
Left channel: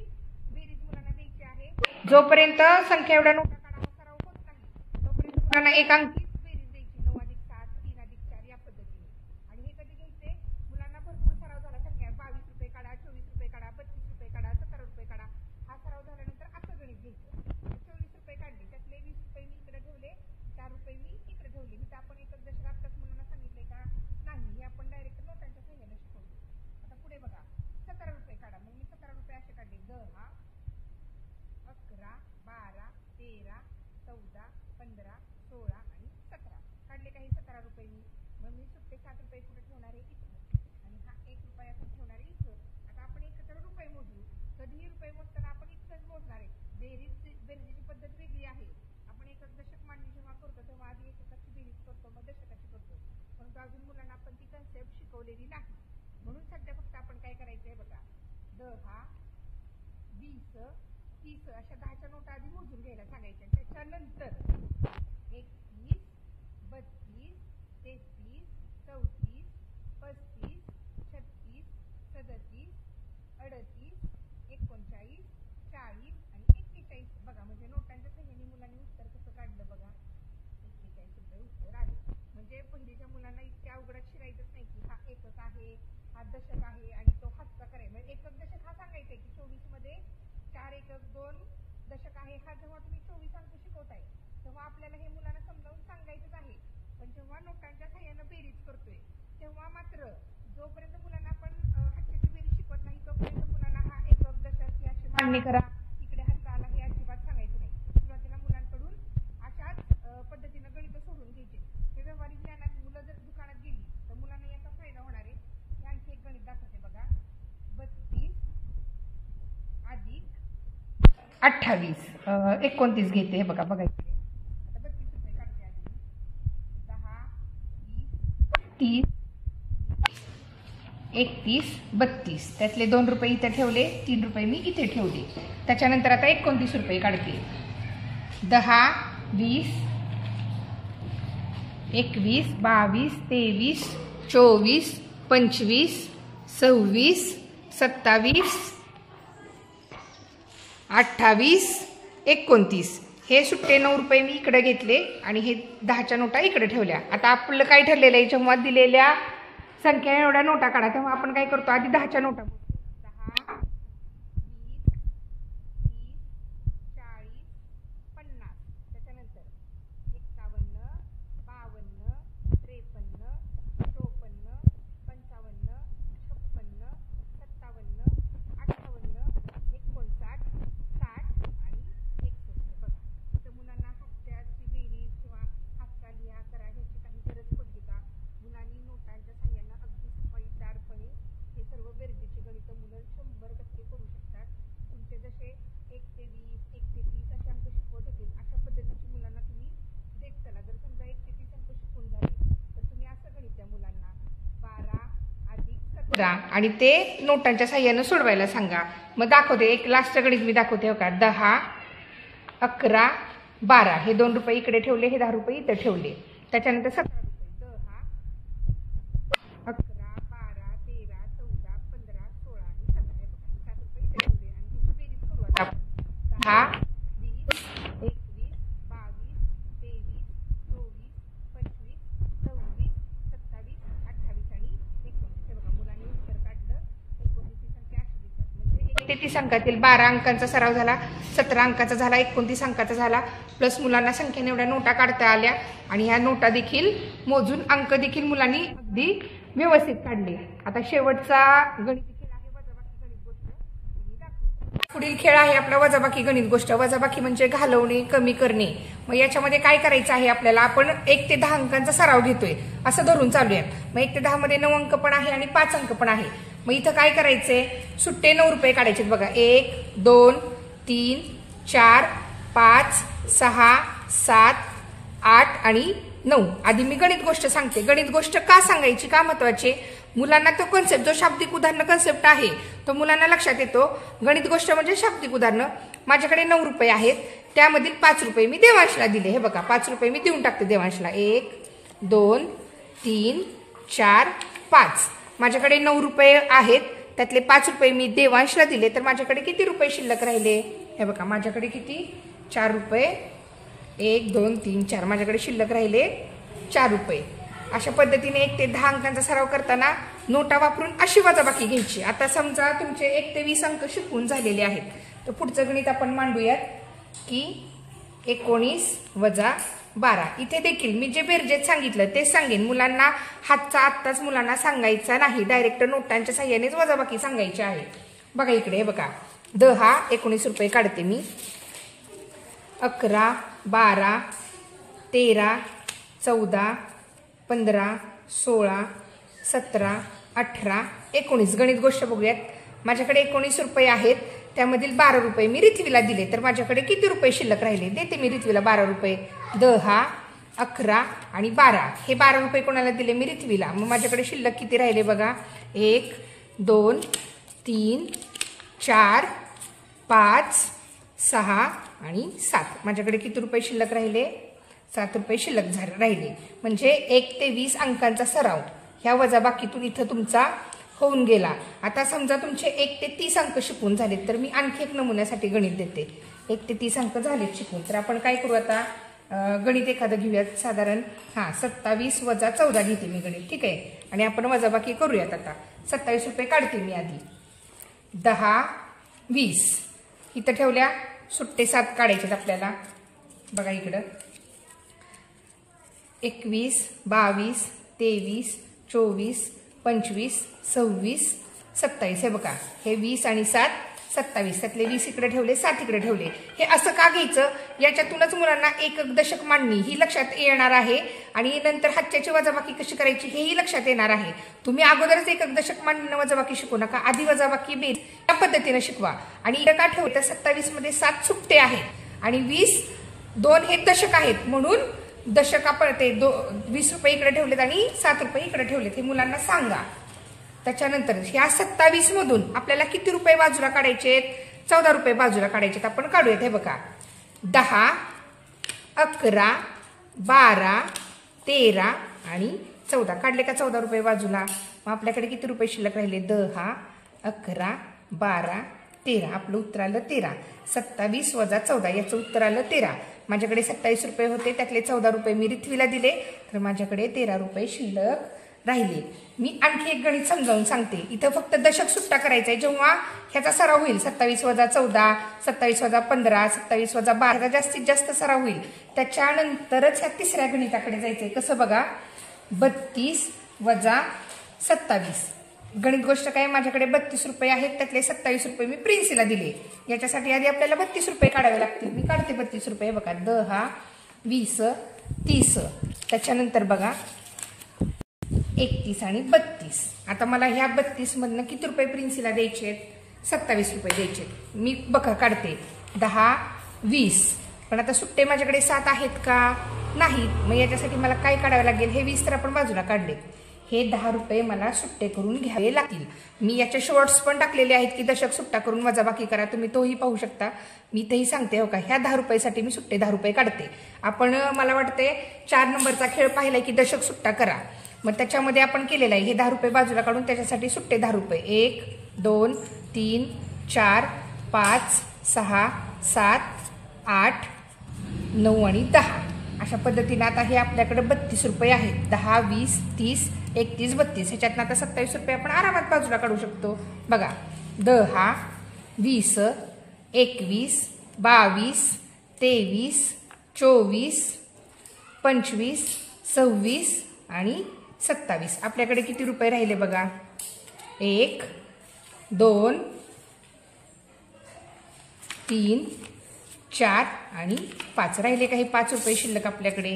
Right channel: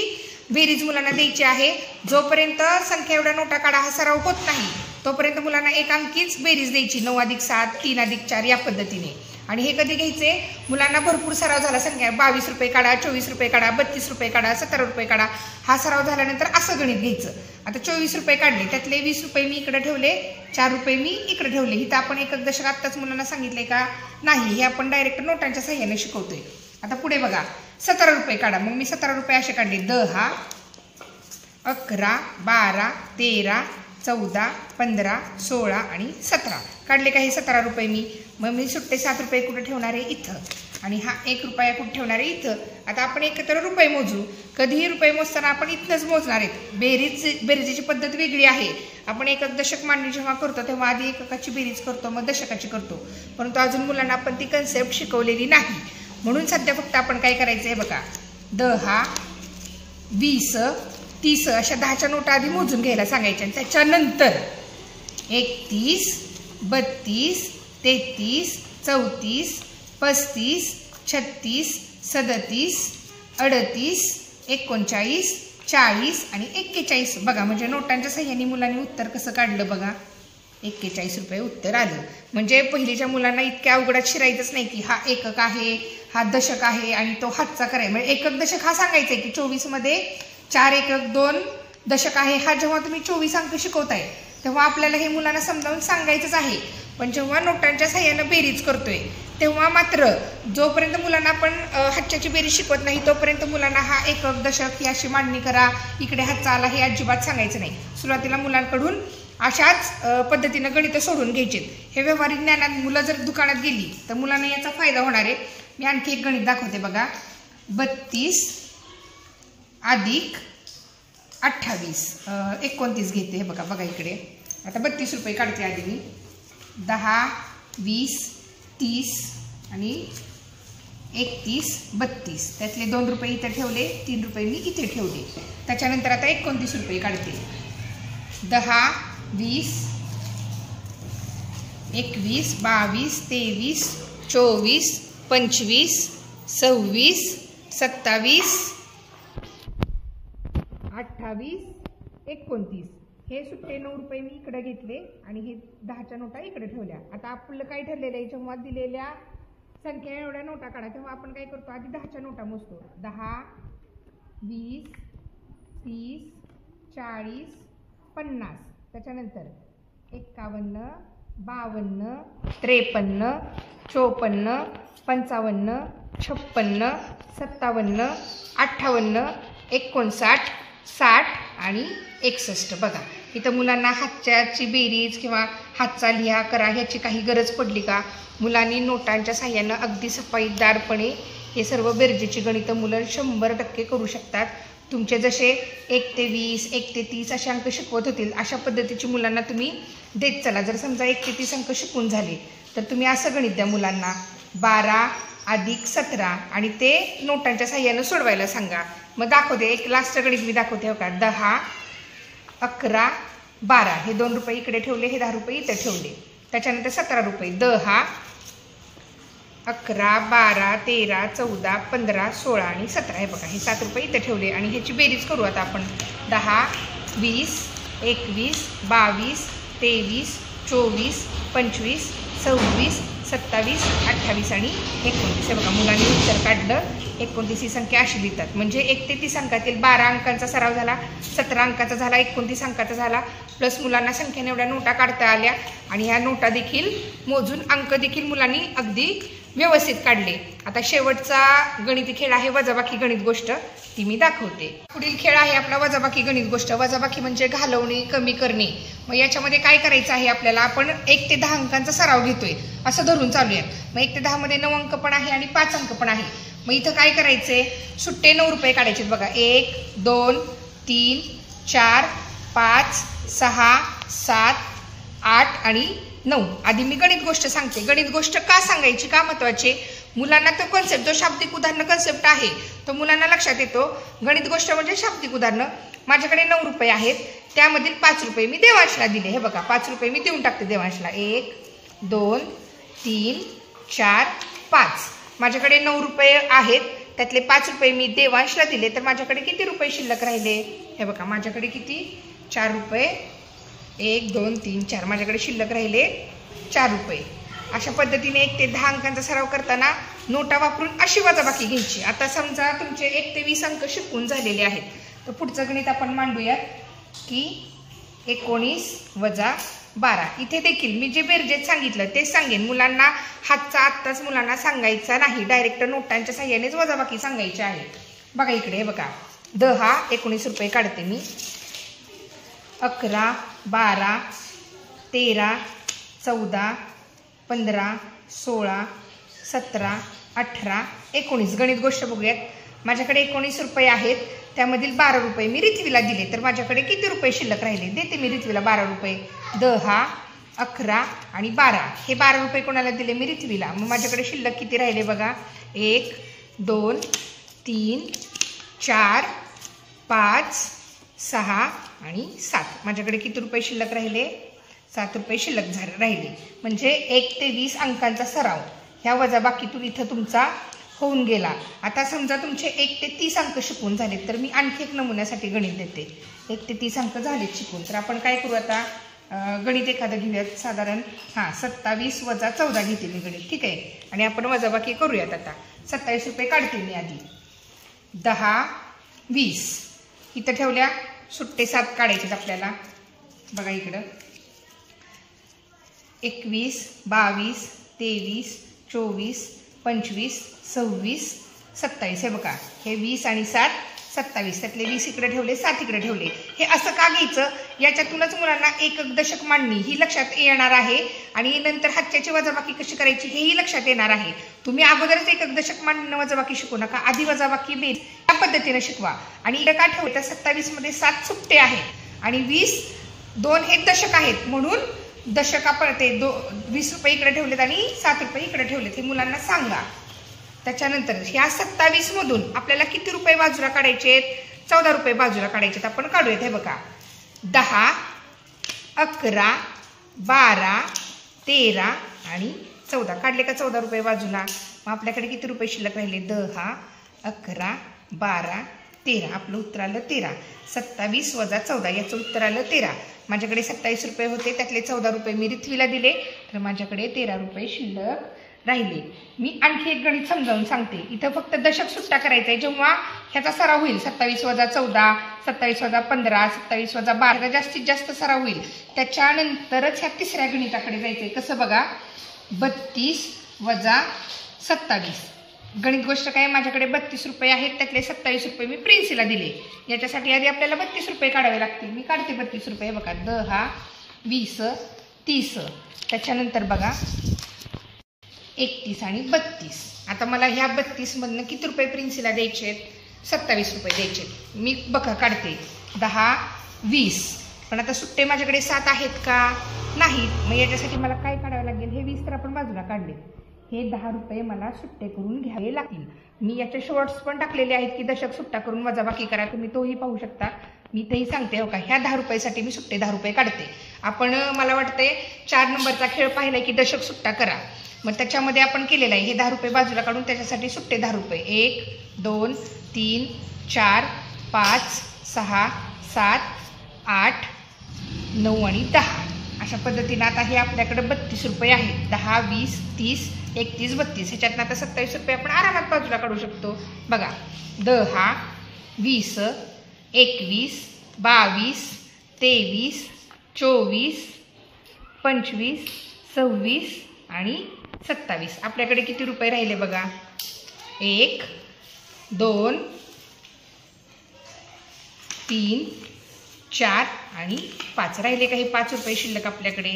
बेरीज मुलांना द्यायची आहे. जोपर्यंत संख्या एवढ्या नोटा काढा हा सराव होत नाही तोपर्यंत मुलांना एक अंकीच बेरीज द्यायची, 9 अधिक 7, 3 अधिक 4 या पद्धतीने. आणि हे कधी घ्यायचे, मुलांना भरपूर सराव झाला, संख्या 22 रुपये काढा, 24 रुपये काढा, 32 रुपये काढा, 17 रुपये काढा, हा सराव झाल्यानंतर असं गणित घ्यायचं. आता 24 रुपये काढले, त्यातले 20 रुपये मी इकडे ठेवले, 4 रुपये मी इकडे ठेवले. इथं आपण एकक दशक आत्ताच मुलांना सांगितलंय का नाही, हे आपण डायरेक्ट नोटांच्या सहाय्याने शिकवतोय. आता पुढे बघा 17 रुपये काढा. मग मी 17 रुपये असे काढले, 10, 11, 12, 13, 14, 15, 16 आणि 17 काढले का हे 17 रुपये मी. मग मी सुट्टे 7 रुपये कुठे ठेवणार आहे, इथं. आणि हा 1 रुपया कुठे ठेवणार आहे, इथं. आता आपण एकत्र रुपये मोजू. कधीही रुपये मोजताना आपण इथनंच मोजणार आहेत. बेरीजची पद्धत वेगळी आहे. आपण एकक दशक मांडणी जेव्हा करतो तेव्हा आधी एककाची बेरीज करतो, मग दशकाची करतो. परंतु अजून मुलांना आपण ती कन्सेप्ट शिकवलेली नाही. म्हणून सध्या फक्त आपण काय करायचं आहे बघा, 10, 20, 30 अशा 10च्या नोटा आधी मोजून घ्यायला सांगायच्या. आणि त्याच्यानंतर 31, 32, 33, 34, 35, 36, 37, 38, 39, 40 आणि 41 बघा. म्हणजे नोटांच्या सहाय्याने मुलांनी उत्तर कसं काढलं बघा, 41 रुपये उत्तर आलं. म्हणजे पहिलीच्या मुलांना इतक्या अवघडात शिरायचंच नाही की हा एकक आहे, हा दशक आहे आणि तो हातचा करायचा. म्हणजे एकक दशक हा सांगायचा आहे की 24 मध्ये 4 एकक 2 दशक आहे. हा जेव्हा तुम्ही 24 अंक शिकवताय तेव्हा आपल्याला हे मुलांना समजावून सांगायचंच आहे. पण जेव्हा नोटांच्या सहाय्यानं बेरीज करतोय तेव्हा मात्र जोपर्यंत मुलांना आपण हातच्याची बेरीज शिकवत नाही तोपर्यंत मुलांना हा एकक दशक ही अशी मांडणी करा, इकडे हातचा आला, हे अजिबात सांगायचं नाही. सुरुवातीला मुलांकडून अशाच पद्धतीनं गणित सोडून घ्यायचे. हे व्यावहारिक ज्ञानात मुलं जर दुकानात गेली तर मुलांना याचा फायदा होणार आहे. मी आणखी एक गणित दाखवते बघा, 32 अधिक 28, 29 घेते. हे बघा बघा इकडे. आता 32 रुपये काढते आधी मी. 10, 20, 30 आणि 31, 32 त्यातले 2 रुपये इथे ठेवले, 3 रुपये मी इथे ठेवले. त्याच्यानंतर आता 29 रुपये काढते. 10, 20, 21, 22, 23, 24, 25, 26, 27, 28, 29 हे सुट्टे 9 रुपये मी इकडे घेतले आणि हे 10च्या नोटा इकडे ठेवल्या. आता आपलं काय ठरलेलं आहे, जेव्हा दिलेल्या संख्या एवढ्या नोटा काढा तेव्हा आपण काय करतो, आधी 10च्या नोटा मोजतो. 10, 20, 30, 40, 50 त्याच्यानंतर 51, 52, 53, 54, 55, 56, 57, 58, 59, 60 आणि 61 बघा. इथं मुलांना हातच्याची बेरीज किंवा हातचा लिहा करा ह्याची काही गरज पडली का, मुलांनी नोटांच्या साह्यानं अगदी सफाईदारपणे हे सर्व बेरजेची गणितं मुलं 100% करू शकतात. तुमचे जसे 1 ते 20, 1 ते 30 असे अंक शिकवत होतील अशा पद्धतीची मुलांना तुम्ही देत चला. जर समजा 1 ते 30 अंक शिकून झाले तर तुम्ही असं गणित द्या मुलांना, 12 अधिक 17 आणि ते नोटांच्या साह्यानं सोडवायला सांगा. मग दाखवते एक लास्टचं गणित मी दाखवते बघा. 10, 11, 12 हे 2 रुपये इकडे ठेवले, हे 10 रुपये इथे ठेवले. त्याच्यानंतर 17 रुपये 10, 11, 12, 13, 14, 15, 16 आणि 17 हे बघा. हे 7 रुपये इथे ठेवले आणि ह्याची बेरीज करू आता आपण. 10, 20, 21, 22, 23, 24, 25, 26, 27, 28 आणि 29. हे बघा मुलांनी उत्तर काढलं. 29 ही संख्या अशी लिहितात. म्हणजे 1 ते 30 अंकातील 12 अंकांचा सराव झाला, 17 अंकाचा झाला, 29 अंकाचा झाला. प्लस मुलांना संख्येने एवढ्या नोटा काढता आल्या आणि ह्या नोटा देखील मोजून अंक देखील मुलांनी अगदी व्यवस्थित काढले. आता शेवटचा गणिती खेळ आहे वजाबाकी गणित गोष्ट, ती मी दाखवते. पुढील खेळ आहे आपला वजाबाकी गणित गोष्ट. वजाबाकी म्हणजे घालवणे, कमी करणे. मग याच्यामध्ये काय करायचं आहे आपल्याला, आपण 1 ते 10 अंकांचा सराव घेतोय असं धरून चालूया. मग 1 ते 10 मध्ये 9 अंक पण आहे आणि 5 अंक पण आहे. मग इथं काय करायचंय, सुट्टे 9 रुपये काढायचे बघा. 1, 2, 3, 4, 5, 6, 7, 8 आणि 9. आधी मी गणित गोष्ट सांगते. गणित गोष्ट का सांगायची, का महत्वाची, मुलांना तो कन्सेप्ट, जो शाब्दिक उदाहरण कन्सेप्ट आहे तो मुलांना लक्षात येतो. गणित गोष्ट म्हणजे शाब्दिक उदाहरण. माझ्याकडे 9 रुपये आहेत, त्यामधील 5 रुपये मी देवांशला दिले. हे बघा 5 रुपये मी देऊन टाकते देवांशला. 1, 2, 3, 4, 5. माझ्याकडे 9 रुपये आहेत, त्यातले 5 रुपये मी देवांशला दिले. तर माझ्याकडे किती रुपये शिल्लक राहिले, हे बघा माझ्याकडे किती, 4 रुपये. 1, 2, 3, 4. माझ्याकडे शिल्लक राहिले 4 रुपये. अशा पद्धतीने 1 ते 10 अंकांचा सराव करताना नोटा वापरून अशी वजाबाकी घ्यायची. आता समजा तुमचे 1 ते 20 अंक शिकून झालेले आहेत, तर पुढचं गणित आपण मांडूयात की 19 वजा 12. इथे देखील मी जे बेरजेत सांगितलं तेच सांगेन. मुलांना हातचा आत्ताच मुलांना सांगायचा नाही, डायरेक्ट नोटांच्या साह्यानेच वजाबाकी सांगायची आहे. बघा इकडे, हे बघा 10, 19 रुपये काढते मी. 11, 12, 13, 14, 15, 16, 17, 18, 19. गणित गोष्ट बघूयात. माझ्याकडे 19 रुपये आहेत, त्यामधील 12 रुपये मी रिथवीला दिले. तर माझ्याकडे किती रुपये शिल्लक राहिले, देते मी रिथवीला 12 रुपये. 10, 11 आणि 12. हे 12 रुपये कोणाला दिले, मी रिथवीला. मग माझ्याकडे शिल्लक किती राहिले बघा. 1, 2, 3, 4, 5, 6 आणि 7. माझ्याकडे किती रुपये शिल्लक राहिले, 7 रुपये शिल्लक राहिले. म्हणजे 1 ते 20 अंकांचा सराव ह्या वजाबाकीतून इथं तुमचा होऊन गेला. आता समजा तुमचे 1 ते 30 अंक शिकून झालेत, तर मी आणखी एक नमुन्यासाठी गणित देते. 1 ते 30 अंक झालेत शिकून, तर आपण काय करू आता, गणित एखादं घेऊयात. साधारण 27 वजा 14 घेते मी गणित, ठीक आहे. आणि आपण वजाबाकी करूयात. आता 27 रुपये काढते मी आधी. 10, 20 इथं ठेवल्या. सुट्टे 7 काढायचे आपल्याला. बघा इकडं 21, 22, 23, 24, 25, 26, 27. हे बघा, हे 20 आणि 7, 27. त्यातले 20 इकडे ठेवले, 7 इकडे ठेवले. हे असं का घ्यायचं, याच्यातूनच मुलांना एकक दशक मांडणी ही लक्षात येणार आहे आणि नंतर हातच्याची वजाबाकी कशी करायची हेही लक्षात येणार आहे. तुम्ही अगोदरच एकक दशक मांडणं वजाबाकी शिकू नका, आधी वजाबाकी बेस या पद्धतीने शिकवा. आणि इकडे का ठेवलं, 27 मध्ये 7 सुट्टे आहेत आणि 20, 2 हे दशक आहेत, म्हणून दशक आपण ते 20 रुपये इकडे ठेवलेत आणि 7 रुपये इकडे ठेवलेत, हे मुलांना सांगा. त्याच्यानंतर ह्या 27 मधून आपल्याला किती रुपये बाजूला काढायचे, 14 रुपये बाजूला काढायचे. आपण काढूयात. हे बघा 10, 11, 12, 13 आणि 14. काढले का 14 रुपये बाजूला. मग आपल्याकडे किती रुपये शिल्लक राहिले, 10, 11, 12, 13. आपलं उत्तर आलं 13. 27 वजा 14 याचं उत्तर आलं 13. माझ्याकडे 27 रुपये होते, त्यातले 14 रुपये मी रिथवीला दिले, तर माझ्याकडे 13 रुपये शिल्लक राहिले. मी आणखी एक गणित समजावून सांगते. इथं फक्त दशक सुट्टा करायचा आहे. जेव्हा ह्याचा सराव होईल 27 वजा 14, 27 वजा 15, 27 वजा 12 जास्तीत जास्त सराव होईल, त्याच्यानंतरच ह्या तिसऱ्या गणिताकडे जायचंय. कसं बघा, 32 वजा 27. गणित गोष्ट काय, माझ्याकडे 32 रुपये आहेत, त्यातले 27 रुपये मी प्रिन्सीला दिले. याच्यासाठी आधी आपल्याला 32 रुपये काढावे लागतील. मी काढते 32 रुपये. बघा 10, 20, 30. त्याच्यानंतर बघा 31 आणि 32. आता मला ह्या 32 मधनं किती रुपये प्रिन्सीला द्यायचे, 27 रुपये द्यायचे. मी बघा काढते 10, 20. पण आता सुट्टे माझ्याकडे 7 आहेत का, नाहीत. मग याच्यासाठी मला काय काढावं लागेल, हे 20 तर आपण बाजूला काढले, हे 10 रुपये मला सुट्टे करून घ्यावे लागतील. मी याचे शॉर्ट्स पण टाकलेले आहेत की दशक सुट्टा करून वजाबाकी करा, तुम्ही तोही पाहू शकता. मी तेही सांगते. हो का, ह्या 10 रुपयासाठी मी सुट्टे 10 रुपये काढते. आपण मला वाटते 4 नंबरचा खेळ पाहिलाय की दशक सुट्टा करा. मग त्याच्यामध्ये आपण केलेलं आहे. हे 10 रुपये बाजूला काढून त्याच्यासाठी सुट्टे 10 रुपये. 1, 2, 3, 4, 5, 6, 7, 8, 9 आणि 10. अशा पद्धतीनं आता हे आपल्याकडे 32 रुपये आहेत. 10, 20, 30, 31, 32 ह्याच्यातनं आता 27 रुपये आपण आरामात बाजूला काढू शकतो. बघा 10, 20, 21, 22, 23, 24, 25, 26 आणि 27. आपल्याकडे किती रुपये राहिले बघा. 1, 2, 3, 4 आणि 5 राहिले. काही 5 रुपये शिल्लक आपल्याकडे.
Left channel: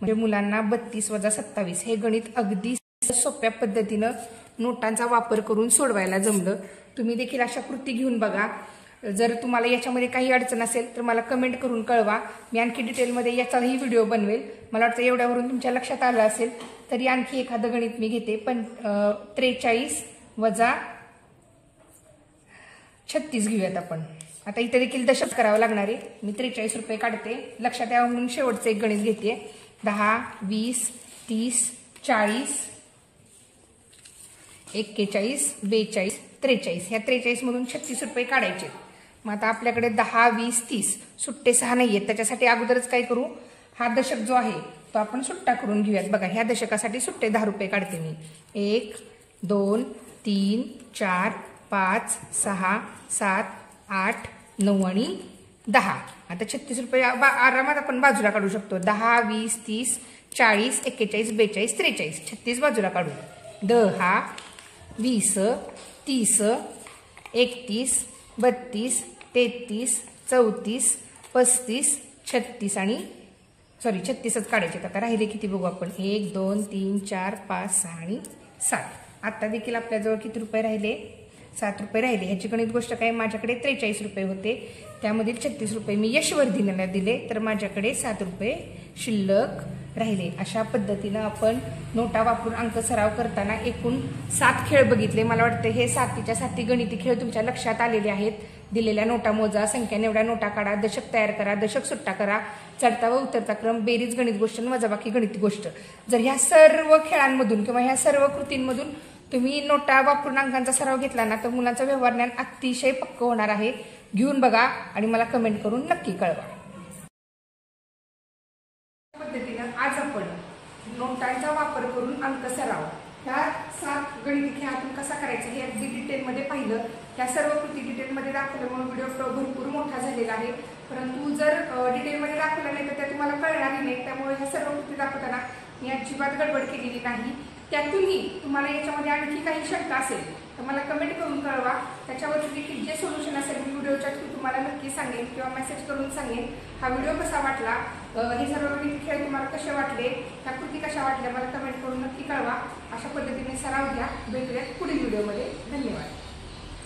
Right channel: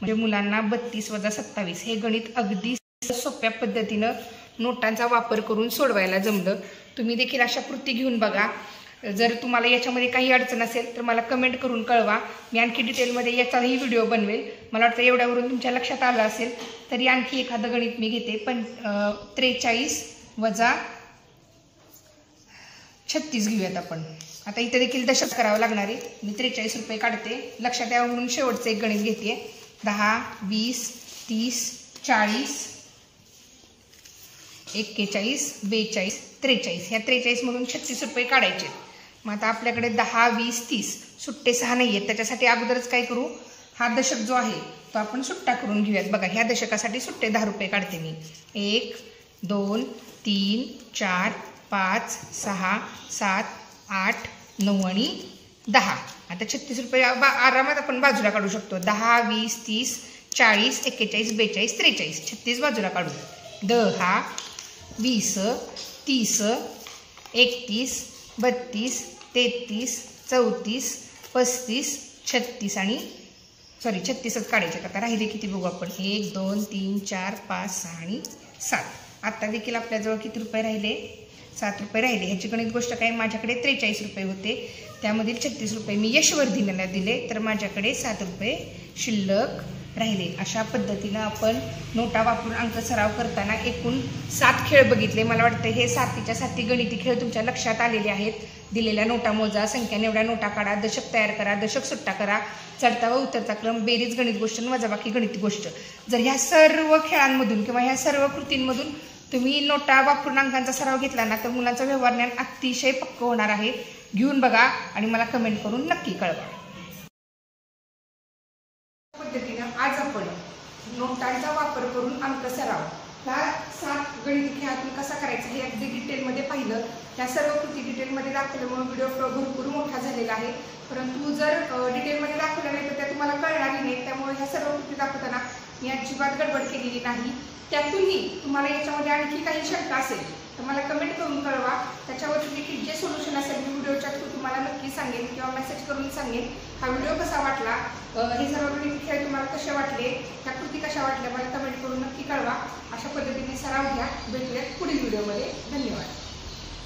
म्हणजे मुलांना 32 वजा 27 हे गणित अगदी सोप्या पद्धतीनं नोटांचा वापर करून सोडवायला जमलं. तुम्ही देखील अशा कृती घेऊन बघा. जर तुम्हाला याच्यामध्ये काही अडचण असेल तर मला कमेंट करून कळवा. मी आणखी डिटेलमध्ये याचाही व्हिडिओ बनवेल. मला वाटतं एवढ्यावरून तुमच्या लक्षात आलं असेल. तरी आणखी एखादं गणित मी घेते. 43 वजा 36 घेऊयात आपण. आता इथे देखील दशक करावं लागणार आहे. मी 43 रुपये काढते. लक्षात यावं म्हणून शेवटचं एक गणित घेते. 10, 20, 30, 40, 41, 42, 43. ह्या 43 मधून 36 रुपये काढायचे. मग आता आपल्याकडे 10, 20, 30 सुट्टे 6 नाही आहेत. त्याच्यासाठी अगोदरच काय करू, हा दशक जो आहे तो आपण सुट्टा करून घेऊयात. बघा ह्या दशकासाठी सुट्टे 10 रुपये काढते मी. 1, 2, 3, 4, 5, 6, 7, 8, 9 आणि 10. आता 36 रुपये आरामात आपण बाजूला काढू शकतो. 10, 20, 30, 40, 41, 42, 43. 36 बाजूला काढू. 10, 20, 30, 31, 32, 33, 34, 35, 36 आणि 36च काढायचे. आता राहिले किती बघू आपण. 1, 2, 3, 4, 5, 6 आणि 7. आता देखील आपल्याजवळ किती रुपये राहिले. 7 रुपये राहिले. ह्याची गणित गोष्ट काय, माझ्याकडे 43 रुपये होते. त्यामधील 36 रुपये मी यशवर्धीला दिले. तर माझ्याकडे 7 रुपये शिल्लक राहिले. अशा पद्धतीनं आपण नोटा वापरून अंक सराव करताना एकूण 7 खेळ बघितले. मला वाटतं हे 7च्या 7 गणिती खेळ तुमच्या लक्षात आलेले आहेत. दिलेल्या नोटा मोजा, संख्या निवडा, नोटा काढा, दशक तयार करा, दशक सुट्टा करा, चढता व उतरता क्रम, बेरीज गणित गोष्ट, वजाबाकी गणित गोष्ट. जर ह्या सर्व खेळांमधून किंवा ह्या सर्व कृतींमधून तुम्ही नोटा वापरून अंकांचा सराव घेतला ना तर मुलांचं व्यवहार ज्ञान अतिशय पक्क होणार आहे. घेऊन बघा आणि मला कमेंट करून नक्की कळवा. पद्धतीनं आज आपण नोटांचा वापर करून अंक सराव ह्या 7 गणिती खेळातून कसा करायचा हे अगदी डिटेलमध्ये पाहिलं. ह्या सर्व कृती डिटेलमध्ये दाखवल्यामुळे व्हिडिओ भरपूर मोठा झालेला आहे. परंतु जर डिटेलमध्ये दाखवलं नाही तर त्या तुम्हाला कळणारही नाही. त्यामुळे ह्या सर्व कृती दाखवताना मी अजिबात गडबड केलेली नाही. त्यातूनही तुम्हाला याच्यामध्ये आणखी काही शंका असेल तर मला कमेंट करून कळवा. त्याच्यावरती देखील जे सोल्युशन असेल मी व्हिडिओच्या थ्रू तुम्हाला नक्की सांगेन किंवा मेसेज करून सांगेन. हा व्हिडिओ कसा वाटला, हे सर्व गणिती खेळ तुम्हाला कसे वाटले, ह्या कृती कशा वाटल्या मला कमेंट करून नक्की कळवा. अशा पद्धतीने सराव घ्या. भेटूयात पुढील व्हिडिओमध्ये. धन्यवाद.